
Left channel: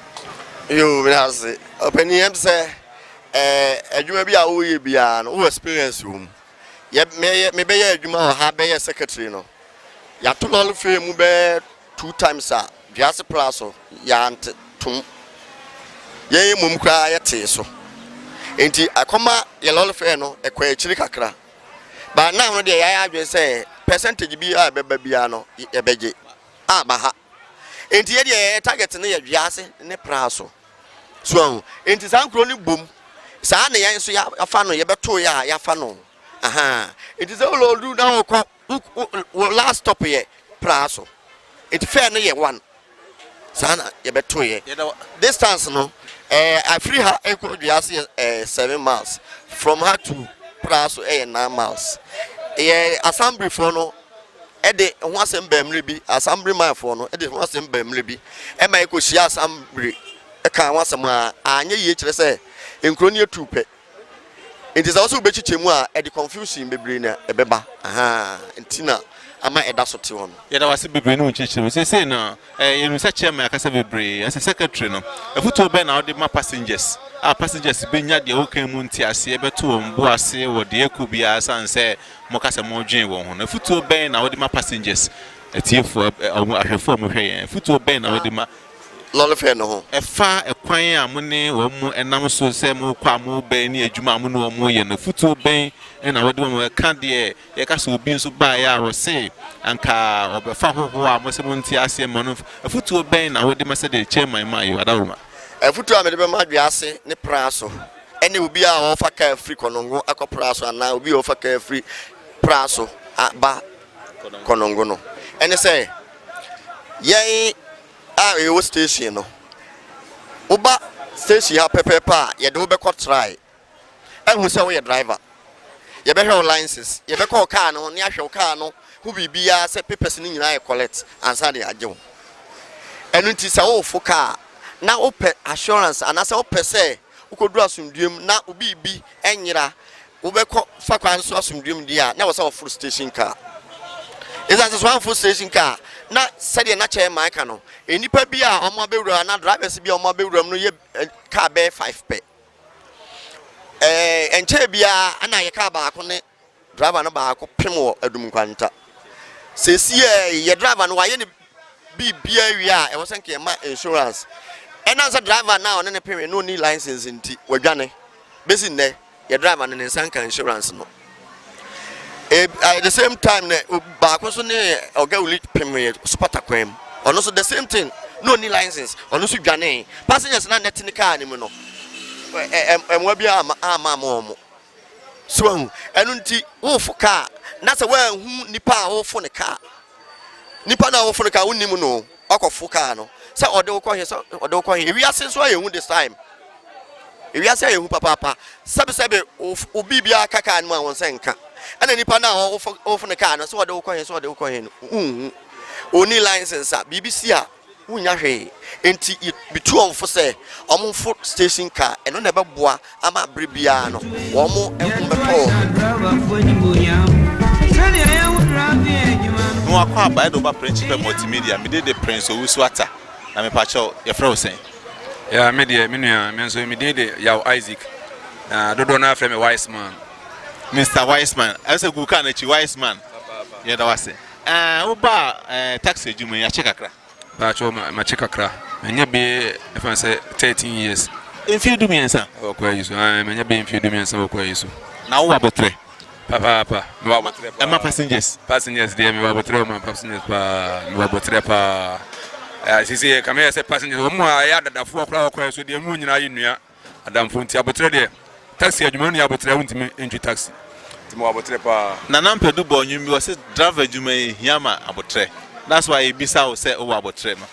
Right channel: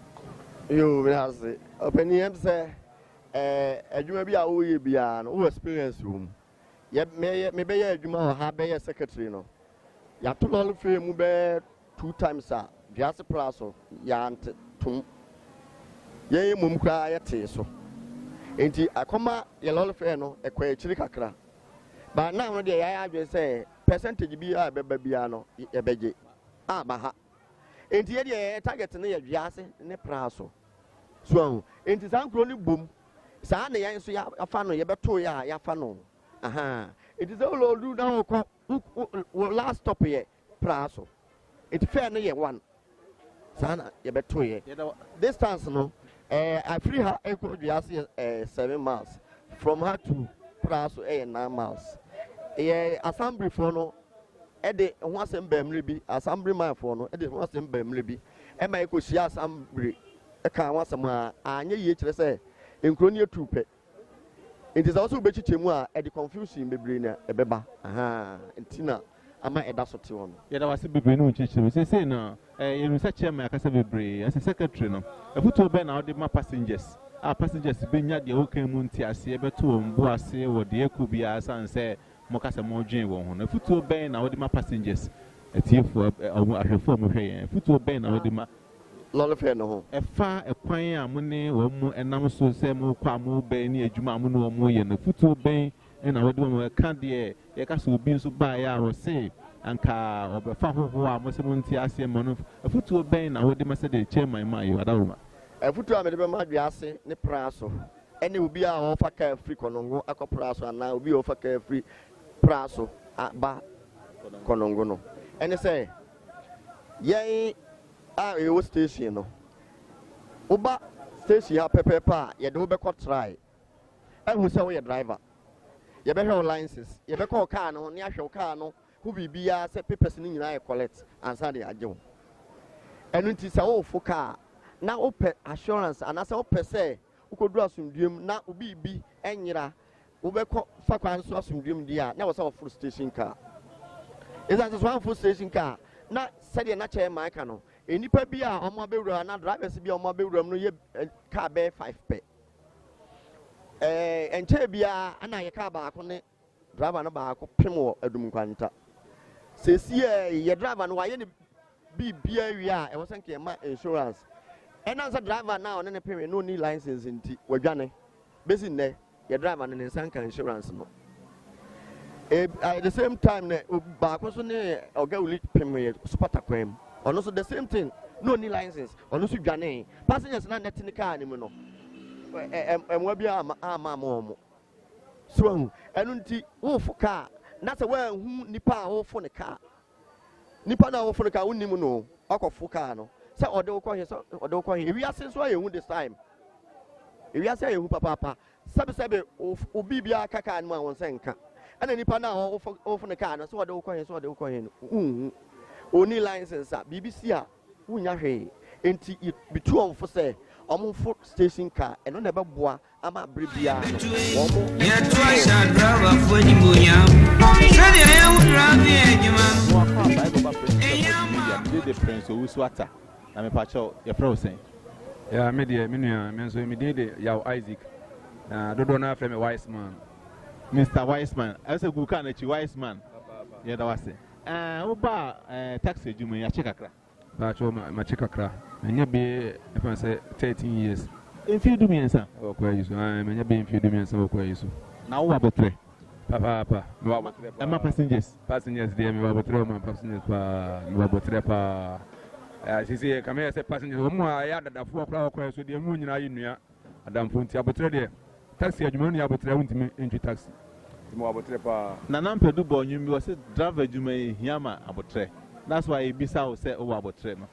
yo me ase openi em se adwuma bi a wo ye bia no wo experience room me be ye adwuma ha be ye secretary no ya to lol fe mu be 2 times a Giase Plaso ya tum ye mum kra ye te so enti akoma ye lol fe no e kwa chiri kakra ba na no de ya adwe say percentage bi a beba bia no e beje ba ha enti ye de target ne ye Giase ne Plaso so enti san kro ni bom sa na yan so ya afa no ye beto ya ya fa no aha it is all do now last stop here Plaso it fair no ye one sana ye beto ye distance no I free her equal Giase 7 miles from her to Plaso 9 miles assembly for no e de ho asem bi assembly man for no e de ho asem bi e ma ko shia assembly e kan ho asem a anya ye kire se enkro ne tupe it is also bechichemu a e de confusion bebre na e beba aha ntina ama ɛda so te hɔ no yɛda wase bebree no nkyerɛkyerɛ sɛ no yɛnu sɛ chairman akasa bebree ɛsɛ secretary no afotuo bɛn na wode ma passengers passengers bɛnya deɛ wokan mu nte aseɛ bɛto wɔn bo ase wɔ deɛ ɛkɔ biara san sɛ mokasa mɔdwen wɔn ho na afotuo bɛn na wode ma passengers atiefoɔ ahwɛfoɔ mo hwɛ yɛn afotuo bɛn na wode ma lɔre fɛ no ho ɛfa ɛkwan a mo ne wɔn mo ɛnam so sɛ mo kɔ a mo bɛn ne adwuma a mo ne wɔn mo yɛ no afotuo bɛn ɛna wɔde wɔn ɛka deɛ yɛka sɛ obi nso baeɛ a wɔse anka ɔbɛfa hoho a mo sɛ mo nte aseɛ ma no afotuo bɛn na wɔde ma sɛ de chairman ma yɛ adawoma afotuo a mede bɛma adwiase ne pra so ɛne obi a wɔfa kaa firi kɔnɔngo akɔ pra so anaa obi a wɔfa kaa firi pra so aba kɔnɔngo no ɛne sɛ yɛn a ɛwɔ station no woba station ha pɛpɛpɛ a yɛde wo bɛkɔ try ɛhu sɛ woyɛ driver yɛbɛhwɛ wo licenses yɛbɛkɔ wo car no ne ahwɛ wo car no ho biribiara sɛ papers no nyinaa yɛ collect ansa de agye wo ɛno nti sɛ wowofo car na wopɛ assurance anaasɛ wopɛ sɛ wokɔduru asomdwem na obibi ɛnyera wobɛkɔ fa kwan so asomdwem di a na wɔ sɛ wɔforo station car ɛsɛ sɛ wɔamfo station car na sɛdeɛ na kyɛn maaka no enipa bi a ɔmo abɛwura na drivers bi a ɔmo abɛwura no yɛ car bɛɛ 5 pɛ ɛnkyɛ bia ana yɛ car baako ne driver no baako pem wɔ adum kwanta sɛsi yɛ driver no wayɛ ne bibia wi a ɛwɔ sɛ nkɛ ma insurance ɛna sɛ driver na ɔne ne pem no ni license nti wadwane besi nnɛ yɛ driver no ne nsanka insurance no at the same time ne baako so ne oga uli pem spota kwam ono so the same thing no ni license ono so dwane passengers na net ni car ni mu no emwa bia ama mo so enu nti wo fo car na se wa hu nipa a wo fo ne car nipa na wo fo ne car woni mu no akofo car no se ode wo kɔ he se ode wo kɔ he wi ase so ayehu this time wi ase ayehu papa sebe obi bia kaka ni mu a won se nka ana nipa na ofo ne car no so ode wo kɔ he no oni license a BBC a wunya hwe enti bitu onfo se omfo station car eno na beboa ama brebia no wo mo no akwa ba do ba principal multimedia me dey the prince owusuata na me pa cho ye frɛ wo sen ya me dey me nua me nso me dey ya Isaac na dodo na frɛ me wise man Mr. Wiseman ase gu ka na chi Wiseman ye da wase wo ba taxi adwuma ya che kakra ba cho ma che kakra enya be if I say 13 years in field me ensa o kwa yiso enya be in field me ensa o kwa yiso na wo abotre papa me wa abotre pa passengers dey me wa abotre ma passengers pa me wa abotre pa sisi kama say passengers wo mu a ya dadafo akra o kwa yiso dey mu nyina yinua adamfo nti abotre dey taxi adwuma no abotre wontimi entwi taxi timo abotre pa na nampedu bo nyumi wo say driver adwuma hiama abotre that's why e bisa wo say o abotre no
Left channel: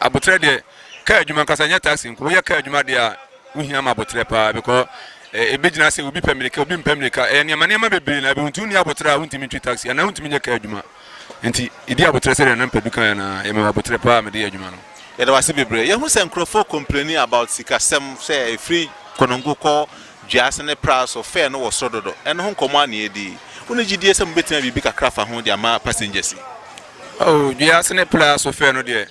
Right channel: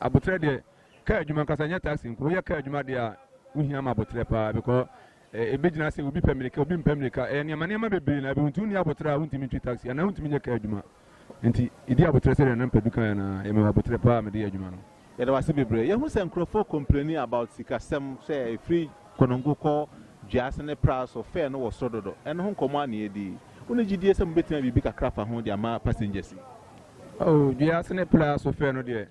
abotre dey ka adwuma kasa nya taxi nko ye ka adwuma dey a wo hiama abotre pa because ebegina say obi pemilika obi mpemilika niam bebre na be huntu ni abotre a wontimi entwi taxi na wontimi nya ka adwuma nti idi abotre say na nampedu kan na ye me abotre pa me dey adwuma no ye da wase bebre ye hu say nkrofo complaining about sikasem say free konongo ko Just ne price of fair no was so dodo and hon komo na edi woni gidie sem betima bibi kakra fa ho de ama passengers oh just ne price of fair no de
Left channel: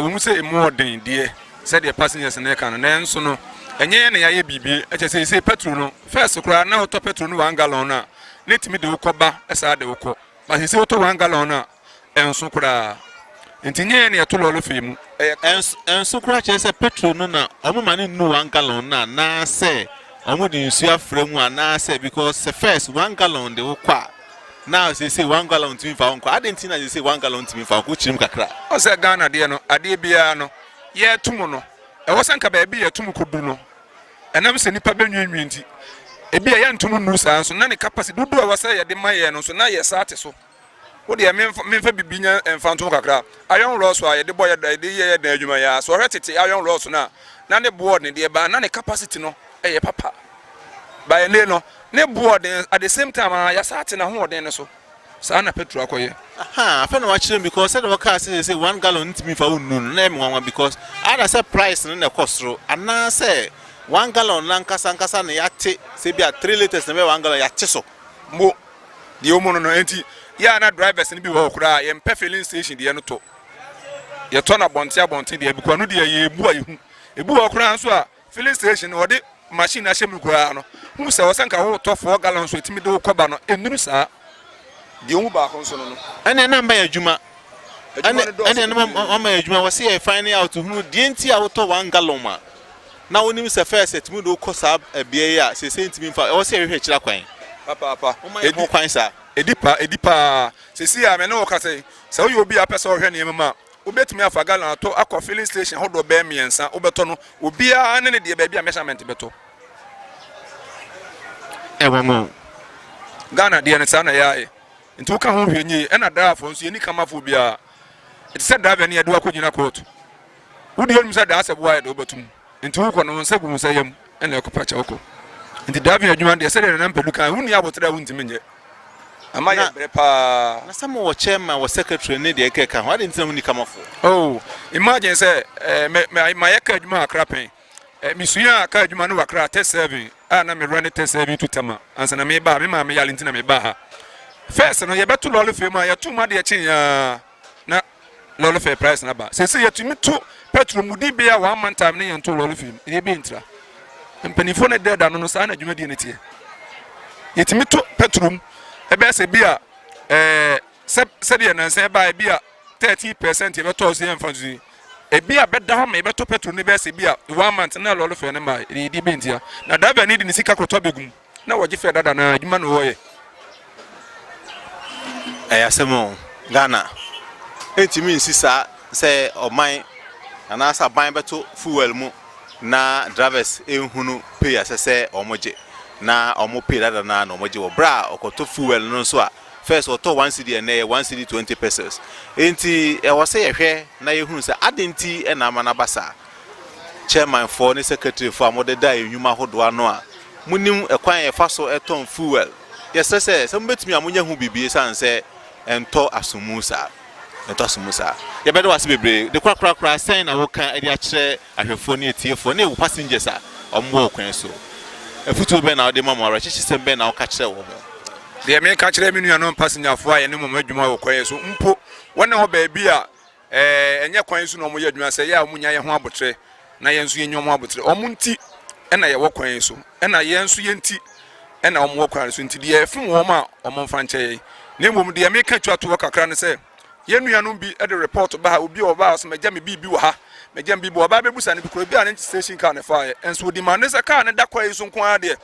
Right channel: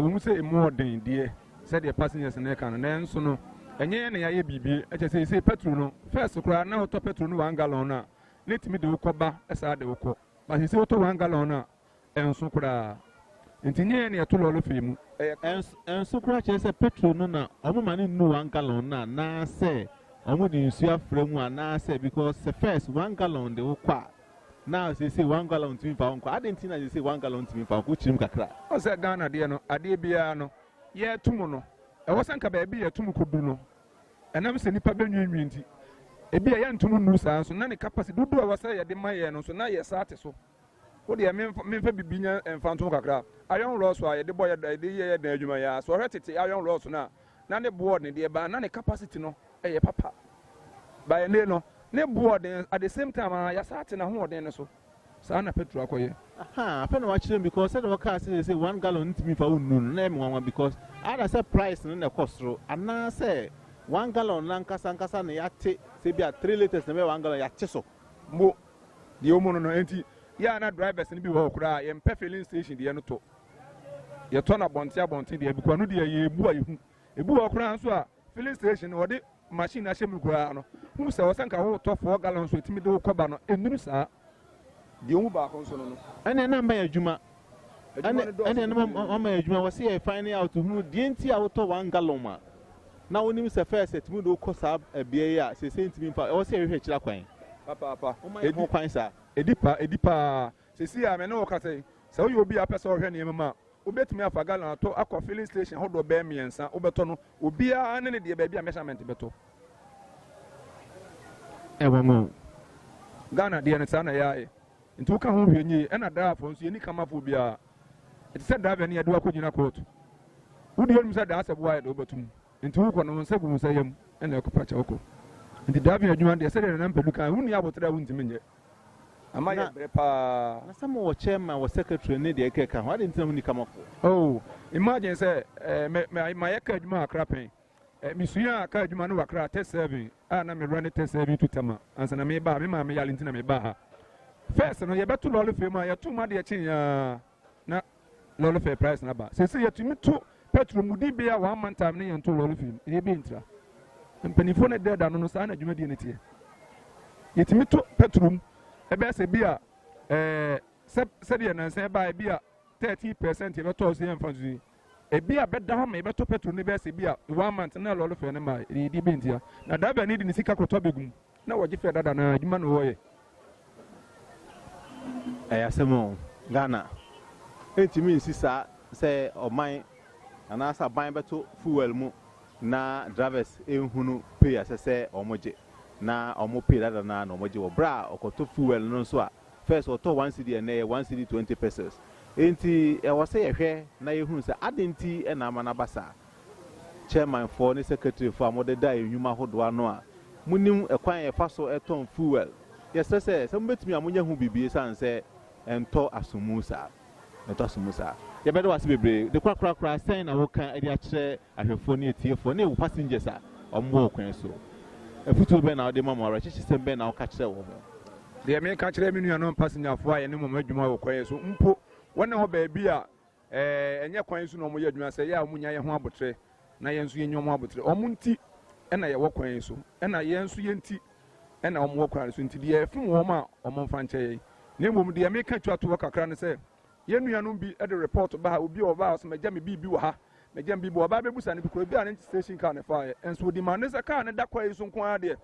we mu say more den de said the passengers na kan na enso no enye na yaye bibi eche say petrol no first kura na auto petrol no 1 gallon na netimi de ukoba esa de uko but say auto 1 gallon na enso kura ntinye na yeto lolo femu enso kura che say petrol no na omo mane nu 1 gallon na say omo de nsu afra mu ana say because the first 1 gallon de ukwa now say 1 gallon timi fa onko adentina say 1 gallon timi fa ko chirim kakra o say Ghana de no ade bia no ye tumu no e wo sanka ba bia ye tumu kodu no enam se nipa benwinwi nti e bia ye ntumu nu sa so na ne capacity dudu a wo say ye de maye no so na ye saate so wo de memfa bibinya emfanto kakra ayon ro so a ye de boy de ye na adwuma ya so hwetete ayon ro so na ne board ne de ba na ne capacity no eh papa by no ne board at the same time ya sat na ho den so sa na petrol akoye aha afa na wa kire because said the car say 1 gallon ntimi fa unnu na em wanwa because ada say price no na kosro ana say 1 gallon na nkasa na yate say bia 3 liters na 1 gallon yate so mo de omo no enti ya na drivers ni bi wo kura ye mpe filling station de no to ye to na bonte de bi kwa no de ye ebu ayehu ebu wo kura nso a filling station wo de machine a shemu kura no hu se wo sanka wo to 4 gallons so etimi de wo koba no enuru saa de hu ba ko nso no ene na mba adwuma ene na mama adwuma wo se e find out hu de enti a wo to 1 gallon ma na wonim se first etimi de ko saa ebie ya se sentimi mfa wo se hwehwe kira kwan papa edi kwan saa edipa se si a me no ka se se wo yo bi apesa wo hwe ne mama obetumi afa gallon ato akọ filling station hodo be miensa obeto no obi a ne de ba bi a measurement beto ewango Ghana de ne sa na yae nti wo ka ho hwenyi e na driver nso yeni kamafo bi a it said driver ne yede akogina court wo de yom said da asebo aye do betum nti wo ko no nsa gu nsa yam e na ekopa cha woko nti driver adwuma de said na mpelu kan hu ni abotra hu ntimi nye ama ye bre pa na some wo chairman wo secretary ne de ekeka ho ade ntina hu ni kamafo oh imagine say my yeka adwuma akrapen mi suya aka adwuma no wakra test 7 na me run test 7 to tama ansa na me ba me ma me yale ntina me ba ha first no ye beto lolo fe ma ye to ma de chen ya na lolo fe price na ba se ye tumi to petrol mudi be ya 1 month time ne ye to lolo fe ye be ntra mpanifo ne de da no sa na adwuma de ne tie ye tumi to petrol e be se bia se de na se ba e bia 30% ye beto so ye mfa zu e bia beda ho me beto petrol ne be se bia 1 month na lolo fe ne ma e di be ntia na da ba ni di ne sika kroto begum na woje fe dada na adwuma no wo ye ayasemo Ghana entimi nsisa se oman anasa ban beto fuel mu na drivers ehunu pay asese omoje na omo pay dada na omoje wo bra okoto fuel no so a first oto 1 cedi na 1 cedi 20 pesos enti e wo se yehwe na yehunu se adenti e na amana basa chairman for ne secretary for amode da enwuma hodo ano a munim ekwan ye faso eton fuel yesese se mbetumi amunya hu bibie sanse ento asumusa ye bedo wase bebre de kwakrakra sen na wo kan e de a kire ahwefo ne etiefo ne wo passengers a omwo kwan so efutu be na de mama rachichi se be na wo ka kire wo mo de me ka kire me nuanom passenger fo aye ne mama adwuma wo kwan so mpo wona ho ba bi a enye kwan so no mo ye adwuma se ya munya ye ho abotre na ye nso ye nyom abotre omunti e na ye wo kwan so e na ye nso ye nti e na omwo kwan so nti de efum wo ma omomfa nche ne mom de me ka twato wo kakra ne se ye nuanom bi e de report ba obi o ba so meja me bi wo ha meja me bi wo ba bebusa ne bi kro bi a ne station car ne fa ye enso di man ne se car ne da kwan so nko ade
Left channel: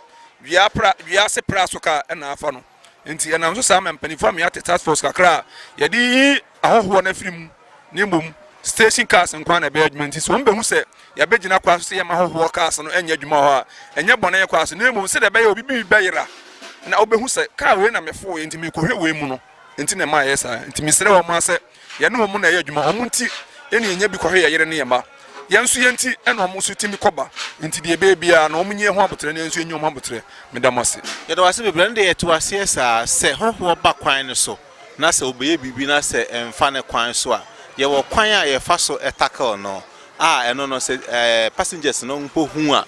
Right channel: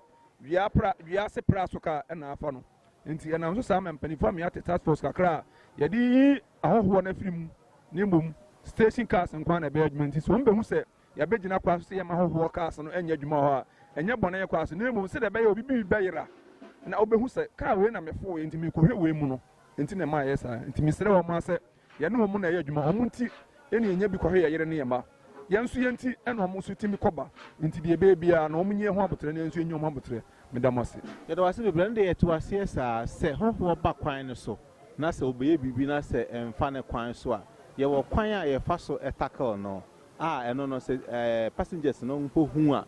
wia se pra so ka e na afa no nti e na so sa mpanifo me ate task force kakra ye di ahoho na firim ne mom station cars nko na be adwuma nti so mbe hu se ya begina kwa so ye ma ahoho cars no enya adwuma ho a enya bone ye kwa so ne mom se de be ye obi bi beyira na obehu se car we na mefo enti me kohwe we mu no enti na ma yesa enti me sere wo ma se ye no mu na ye adwuma omu nti eni enya bi kohwe ye yere ne ye ma ye nso ye nti ena omu so timi koba enti de be bia na omu nye ho abotre na nso enyo ho abotre me da mose ye do wase bebre nde ye to wase esa se hoho ba kwan ne so na se obeye bibi na se emfa ne kwan so a ye wo kwan a ye fa so etackle no eno no se passengers no mpo hu a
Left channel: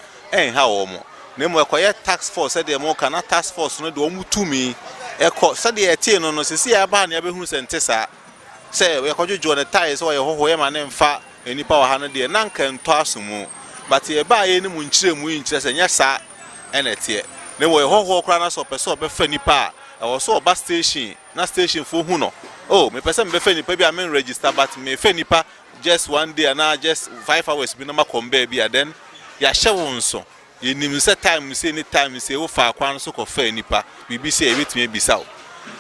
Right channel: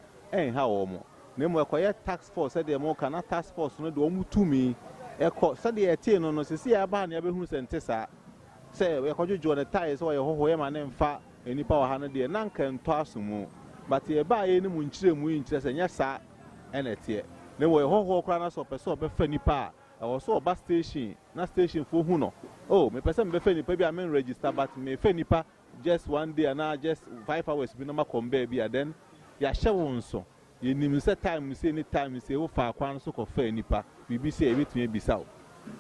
ha wo mo na mo ekoye task force de mo kana task force no de omu tumi eko se de etie no no se si ya ba na ya behu se ntesa se we kojojo ne tie so ye hoho ye ma ne mfa enipa wa ha no de na nka nto asomu but ye ba ye ni mu nkire mu nkire se nya sa ene tie na wo ye hoho kra na so pese obefa nipa a wo so oba station na station fo hu no oh me pese me befa nipa bi a men register but me fa nipa just one day and just 5 hours bi na makombe bi then ya hye nso ye nim se time se any time se wo fa kwan so ko fa nipa bibi se e betumi bisawo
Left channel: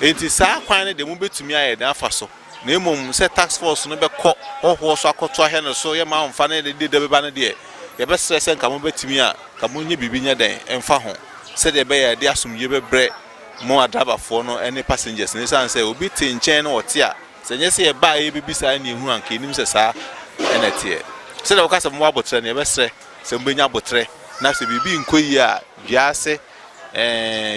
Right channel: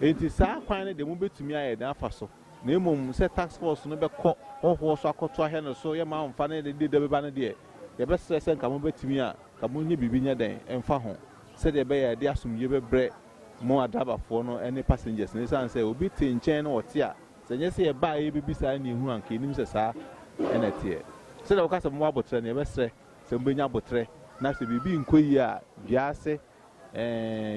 enti sa kwan ne de mu betumi aye dan afa so na emom se task force no be ko hoho so akoto ahe no so ye ma mfa ne de be ba ne de ye be stress nka mo betumi a ka mo nye bibi nya den emfa ho se de be ye de asomye be bre mo adabafo no any passengers ne san se obi te nchen no ote a se nye se ye ba ye bibi sa ne hu anka enim se sa enetie se de wokasa mo abotre ne ye be sre se mbenya abotre na se bibi nkoyi a wiase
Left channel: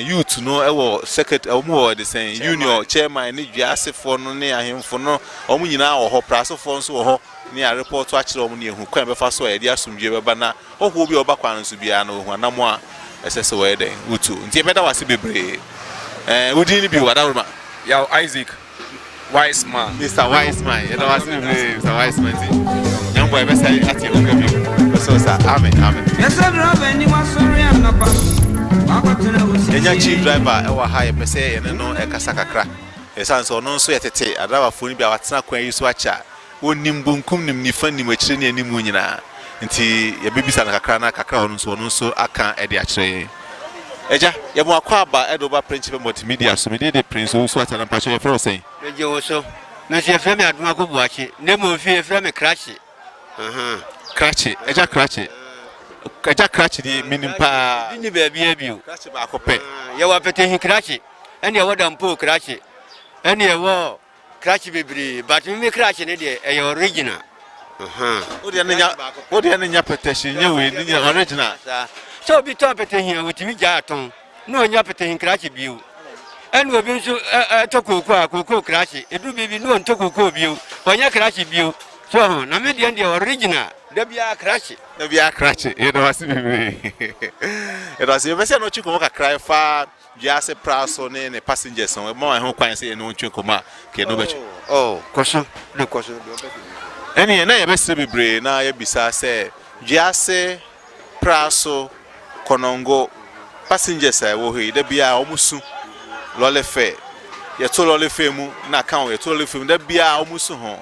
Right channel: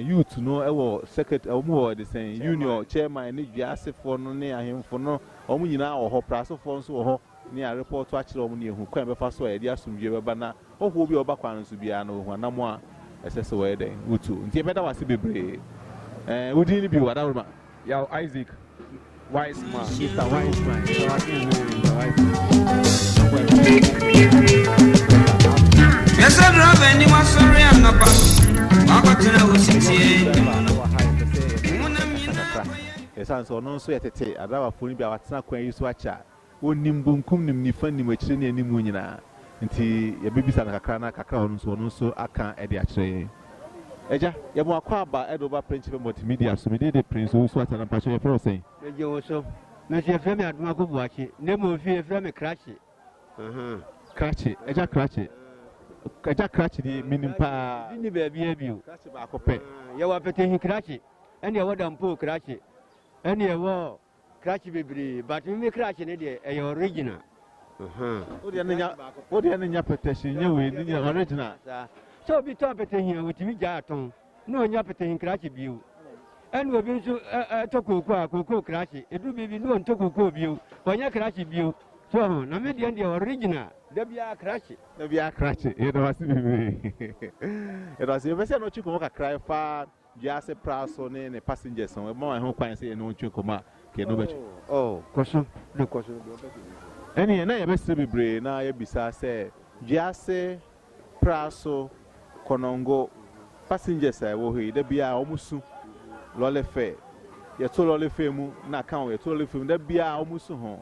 youth no ewo secretary omo de sen union chairman ne wiase fo no ne ahemfo no omo nyina wo ho praso fo nso wo ho ne a report a kire omo ne ehu kwan be fa so e de asomdwe be ba na ho bi oba kwan nso bia na ohu anamo a esese we den utu nti e beda wase bebre wudi ni bi wada ruma Yaw Isaac Wiseman. Mr. Wiseman, you know what's his name, Mr. Wiseman. Young boy, best say at you. So, sir, amen. Yes, I'm Robin. You want sorry, I'm not bad. The chief driver, our high per se, and no Kasakakra. Yes, and so no sweat at a driver for me, but not when you swatch. One nimbunkum ni funny much any munina. Until your baby's and a crana, cacron, so I can't add the Eja, you more quaba, Edoba principal multimedia, so we did the prince who swat and passion for saying. You also, Monsieur Femi at Marco Watch, never fear from a crash. Cratchy, Eja Cratchy. Eja Cratchy, meaning pa, Didn't you baby you? Cratchy back up. You are petting crash, and you wouldn't pull crash. And you were crash baby, but you may crash in it, your original. What the end of petition, you win in your original. So be topping here with me, Jarton. No, you're petting crash view. And we've been to Toko crash. It will be no Toko view, when you crash view. So, I'm at the end of the original. There be a crash. There be a crash. It was me. It was you. Monsieur, no chicken cry far. Just a price on any passengers on more home quite say no chicken. Oh, caution, no caution. Any and I best be brave. Now, you be say, just a price Konongo passengers. I will hear there be a almost soon. Lole fair. You told Lole Femu, na count, you told him there be a almost home.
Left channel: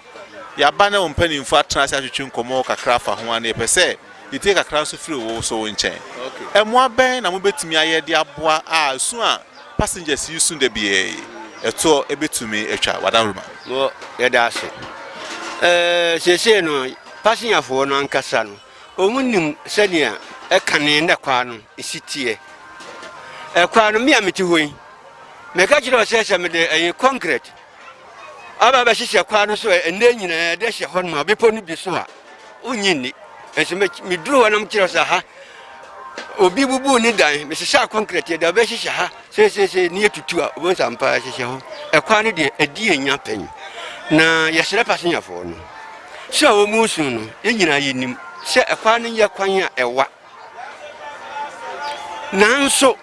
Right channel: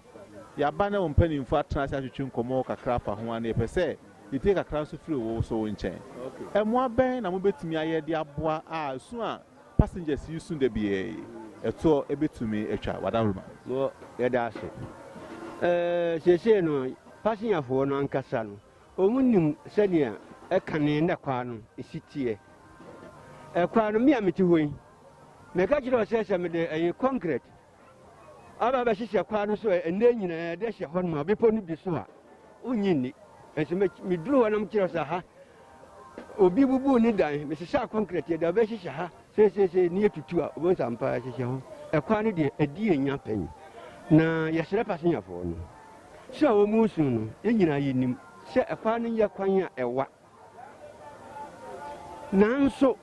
Ya banner on penny in fat transaction Komo craft for 1 per se. You take a cross of free also in chain. And more ben, I'm bet me a dear boy. Ah, soon passengers you soon the be a tour a bit to me a child. What I remember. No, that's it. She say no, passing a phone on Cassano. Omunim Senia, a cannon, a quanum, a city. A quanum, me, I'm to win. Mecatro says I'm a concrete. Aba she kwano so ene nyina de hye ho no bepo no bi so a onyini enso me duru wanam kire so ha obi bubu ni dan me hye concrete de be hye ha se ni etutu a obo sampa hye ho kwano de adi enya pen na ye sere passenger fo no so o mu su no enyina yenim se kwano ye kwan a ewa nanso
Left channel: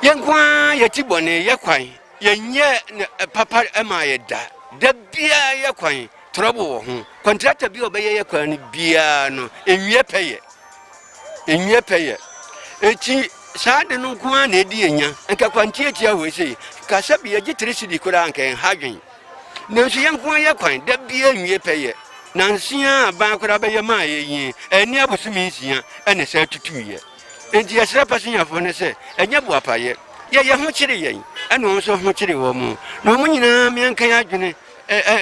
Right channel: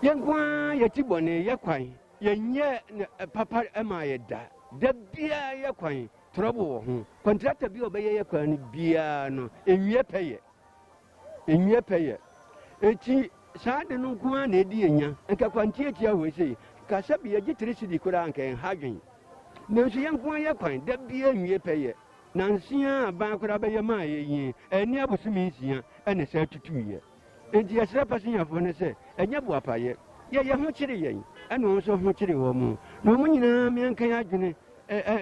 yenkwa ye tibone ye kwan yenye papa ema ye da da bia ye kwan trouble ho contractor bi obeye ye kwan bia no enwie peye eti saade no kwa na edi enya nka kwantie tia we sei ka sabi ye gitrisi di kura nka hadwen na so ye nkwa ye kwan da bia enwie peye na nsia ban kura be ye ma ye yin eni abosumi nsia ene sa tutuye enti ye sra passenger fo ne se enya bo apaye ye ho kire yen ene so ho kire wo mu na mo nyina me nka ya adwene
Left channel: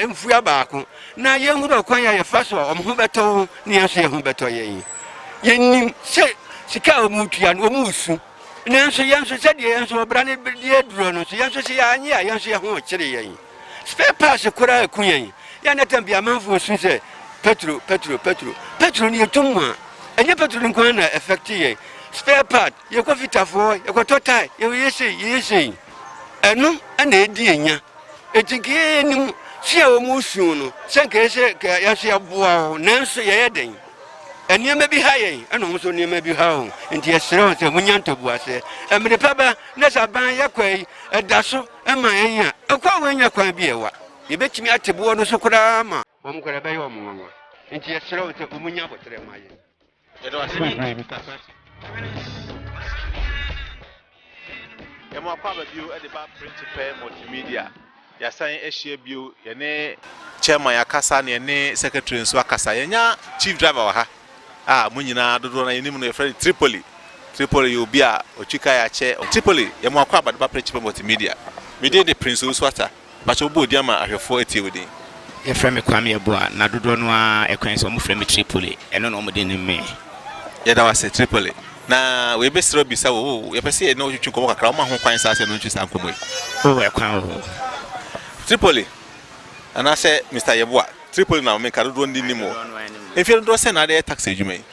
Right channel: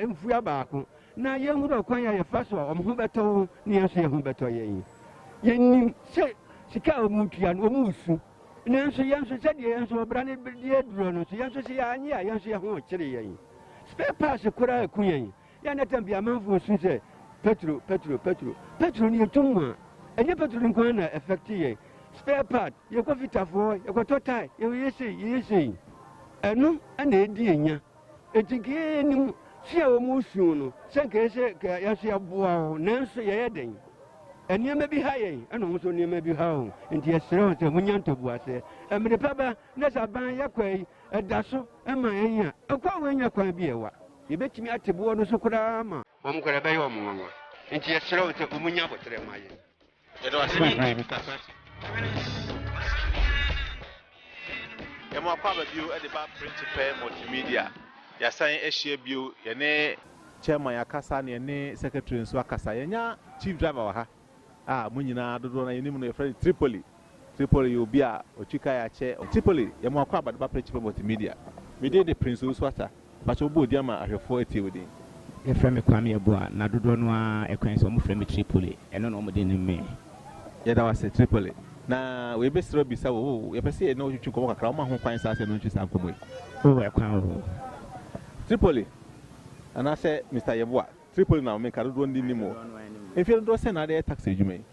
mfuya baako na ye hu do kwan ya ye fa so omho beto ne ye so ye hu beto yen yenim se sika omutua no omusu nanso yenso se de yenso obra ne de duro no so yenso se ya anye ya yenso ye ho kire yen spare parts kura akuyen ya na tambia manfo su se petro ni etomwa enye petro nkwan na effect yen spare part ye ko fitafo ye ko total ye yese eno na edi enya etike nim se o musu no senke se ka ya se aboa nanso ye yeden eniema bi ha yen eno so niema bi ha ho enti esere se munyanto buase emre paba na saban yakwai edaso ema enya akwa wenya kwan bi ewa ye betimi atebo no so kura ma bom kura be yo mo enti esere se munya botre ma ye It was me, Mr. Emo akwa bio e de ba principal multimedia. Ya san ehie bio ye ne chairman ya kasa ne ne secretary nso akasa ye nya chief driver wa ha. Ah munyina dodo na yenim no friend Tripoli you be a ochika ya che Tripoli emo akwa ba de ba principal multimedia. Me dey the prince Uswata. Ba cho bo diama ahwefo eti wodi. Ye frame kwame eboa na dodo no a ekwan so mo frame Tripoli eno no mo de ne me. Ye da was Tripoli. Na we be sro bisa wo ye pese e no twetwe komo kakra o ma ho kwan sa se no ntwisa nkomo yi. O e kwan o. Tripoli. And I said Mr. Yeboa, Tripoli na me ka dodo ndi nimo. Efi do se na de taxi adwuma yi.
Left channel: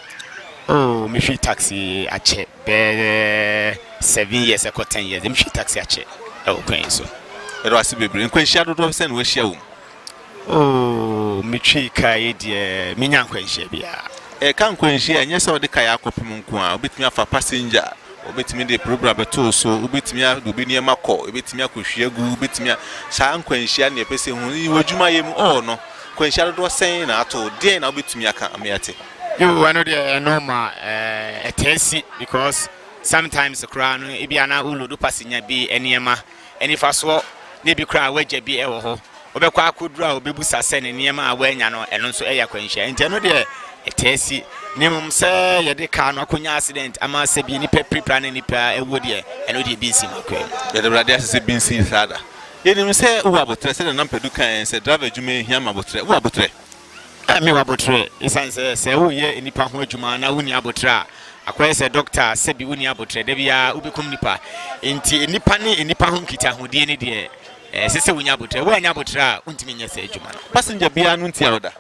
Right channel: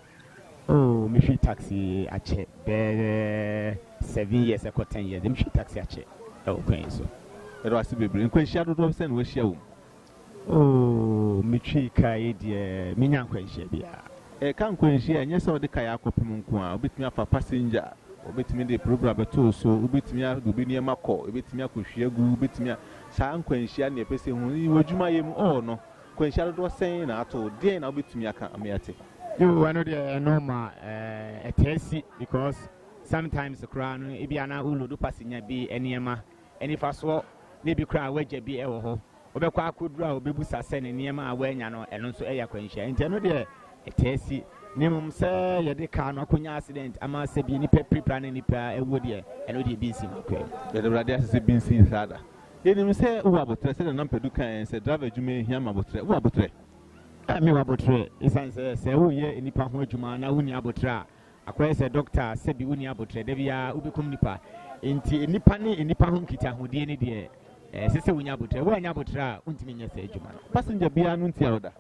Oh, me free taxi ache be 7 years or 10 years. Me free taxi ache. E o kwan so. E do ase bebre. Nkwan hia dodo se na we hia wo. Oh, me free kai de me nyan kwan hia bia. E kan kwan hia enye se o de kai akopem nko a obetumi afa passenger obetimi de program beto so obetimi adubi ne makọ obetimi akohwiagu obetimi saa nkwanhia ne pese hu wadwuma yem no kwanhia do sen na ato den na obetimi aka amiate you I know the normal a test because sometimes the crown ibiana ulu do pasinya bi eniema eni faso ne bi kra waje bi ewo ho obekwa akodura obebusa se ne niema awanya no eno nso eya kwanhia nti no de etesi nimum se ye de ka no akonya accident ama se bi ni prepare ne ni pa ewo de eno de bi nsi makwe ye de brade ase bi nsi sada ye nim se wo abotre se na mpadu kan se driver adwuma hia ma abotre wo abotre me wa abotre isan se wo ye nipa ho adwuma na woni abotre a akwai se doctor se bi woni abotre de bia ubikum nipa nti nipa ne nipa ho nkita ho de ne de sese wonya abotre wo anya abotre a untimi nya se adwuma no passenger bia no ntia oda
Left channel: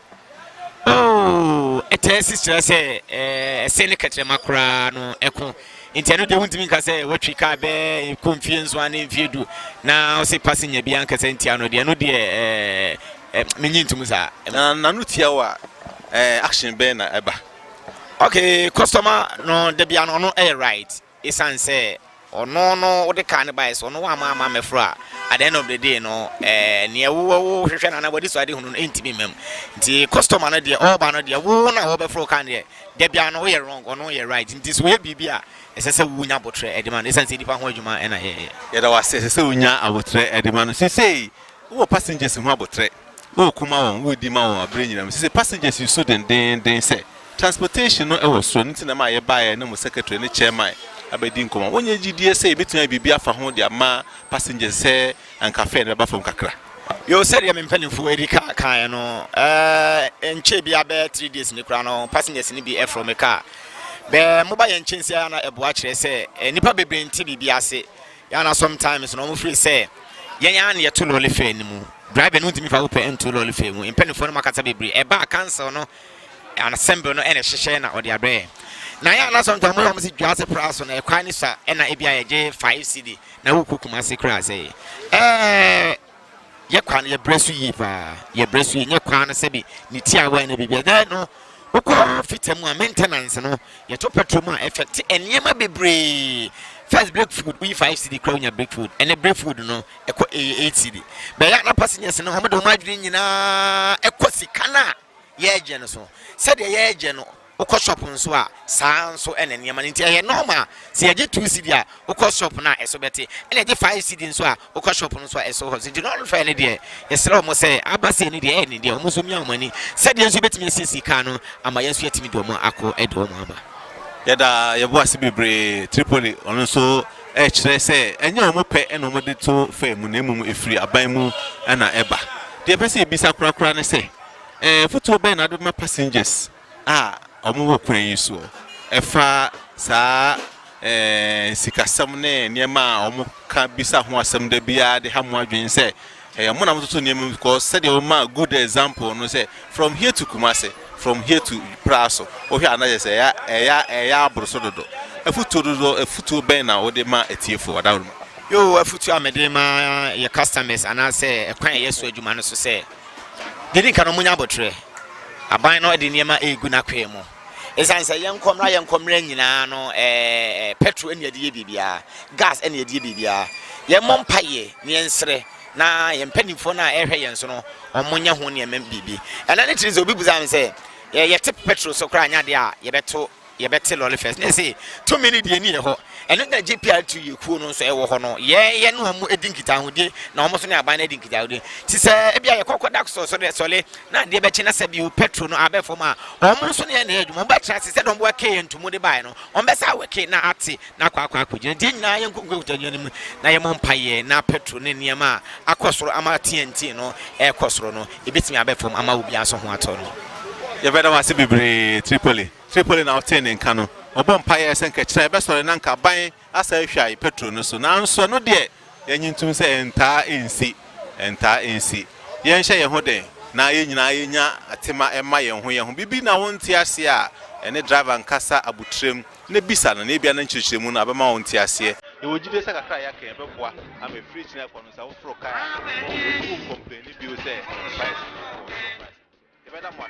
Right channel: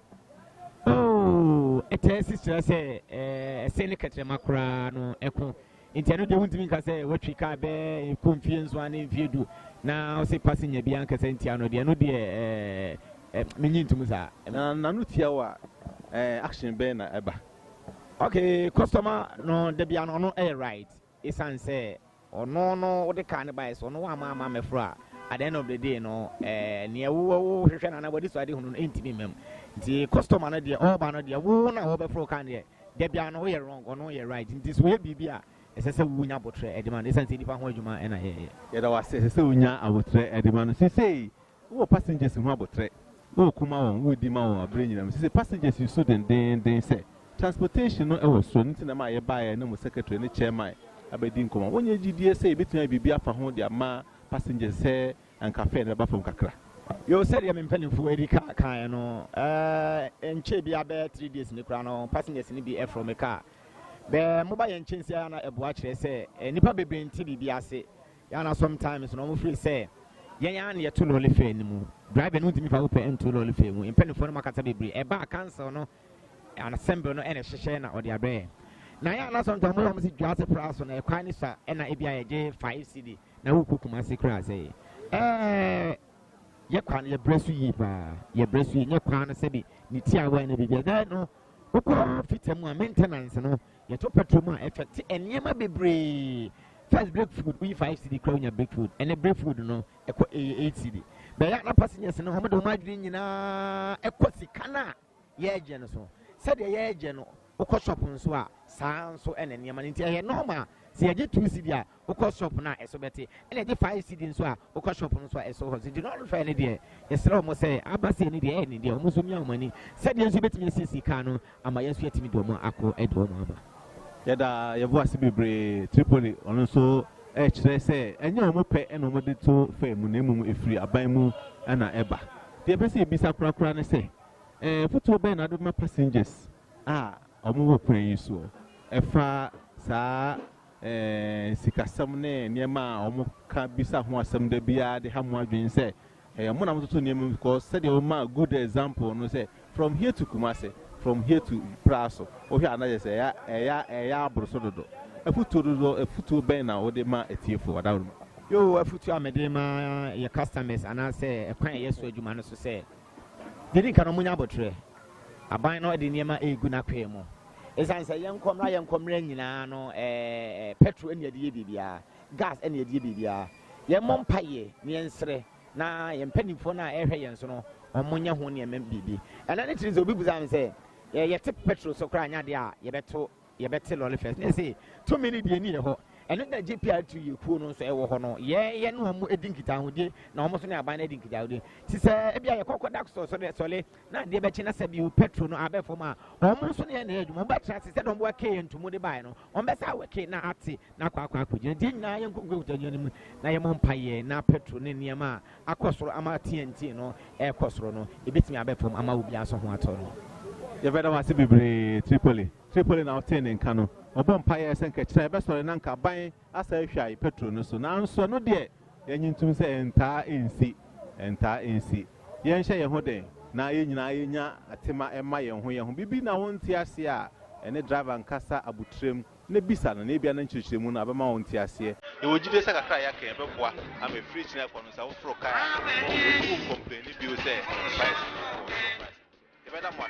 oh etesi stress se ne katre makra no eko nti eno de untimi nka se watwi ka be confiance one mfiedu na o se passenger bia nka se ntia no de no de menyi ntum sa na no tia wa action be na eba okay customer no de bia no right isan say ono wo de kan buy so no wa ma mefra at the end of the day no ne wo hwehwe na body so ade hunu ntimi mem nti customer no de all ba no de wo na wo be fro kan de bia no wo wrong ono ye right nti so we bibia esese wunya botre edema isan say dipa ho adwuma na ye da wase esese wunya abotre edema no say wo passengers ho abotre wo kuma won wo di ma won abre nyina say passengers you so den say transportation no e was so nti na ma ye buy na mo secretary ne chairman abedi nkoma wonye gidie say betuna bibia fa ho de ama passengers say anka fe na ba fam kakra yo said ya mempanifo erika kan no enche bia be 3 days ni kra no passengers ni bi from a car be mo ba ye nchensi ya na ebo a kire say nipa bebre nti bibia ase ya na sometimes no mo free say yen ya na ye to lole fe ni mu driver no ntimi fa wo pe ento lole fe mu empanifo no makata bebre e ba cancel no an assemble no ene hyehyɛ na odi abre na ya na sometimes mo say dwase price na e kwan ni sa e na e bia ye je 5 cedi na wo kokuma se kra say ye kwan ye bresu yi pa ye bresu ye kwan na se bi ni ti awa na bibia da no wo fitem a maintenance no ye to petrol ma effect enema bebre first break food we 5 cedi kra nya break food and break food no e ko 8 cedi be ya na passengers no homo do ma dwene nyina e ko sikana ye je no so said ye je no uko shop nso a saa nso ene niam nti ye normal se ye 2 cedi a uko shop na eso beti ene je 5 cedi nso a uko shop nso a eso ho se di no fa ne de ye sere mo se abase ne de ene de mo so mi amani said ye nso betimi sisi ka no ama ye nso yetimi do mo akọ edo mo aba ye da ye bo ase bebre Tripoli ono nso kire se enye o mo pe ene o mo de to fa mu na mu efiri aban mu na eba de pese ebisa kura ne se foto ben na do ma passengers omo wo kwan yi so efa saa sikasam ne niema omo ka bisa ho asem da bia de ha mo adwen se mo na mo to niema because said you ma good example no say from here to Kumasi from here to Praso o hwe anaje say ya abroso dodo efutu ben na o de ma etiefo wadawru yo efutu amede ma your customers ana say ekwan yeso adwuma no so say didn't can munya botre aban no de niema egu na kwa mu esan say yenkomra nyina no petrol ene de bibia gas ene de bibia ye mompaye ne ensre na ye mpanimfo na ehwe yen so no omonya ho ne emem bibi ana ne tiri ze obi buzam say ye tip petrol so kra nya de a ye bete lolly first ne say 2 minutes de ni ho eno na GPR2 ye kuo no so e wo ho no ye no amu edinkita hode na omo so ne aban na edinkita hode ti se e bia ye kokodak so de sole na de be chi na se bi petrol no abefo ma omo so ne na adwuma ba tra se don bo ke ntumu de bai no omo be sa weke na ate na kwa akogina de nyina ye nkonko mu na ye mompaye na petrol ne niam a akosoro ama TNT no e kosoro no ebetimi abefo ama obi aso ho ato no ye beda wase bebre Tripoli na obtain nka no obon paye senka kire be sore na nka ban asa hwai petrol no so na nso no de yanyintum se enta ensi yen hye ye ho den na ye nyina ye nya atema ema ye ho bibi na wonti ase a ene driver nkasa abutrem ne bisa no na bia na nchirchiremu na abema wonti ase e wogide se kakra ya kan beboa am a free china kwa no sa wo fro kai complain bi o se price e beda mo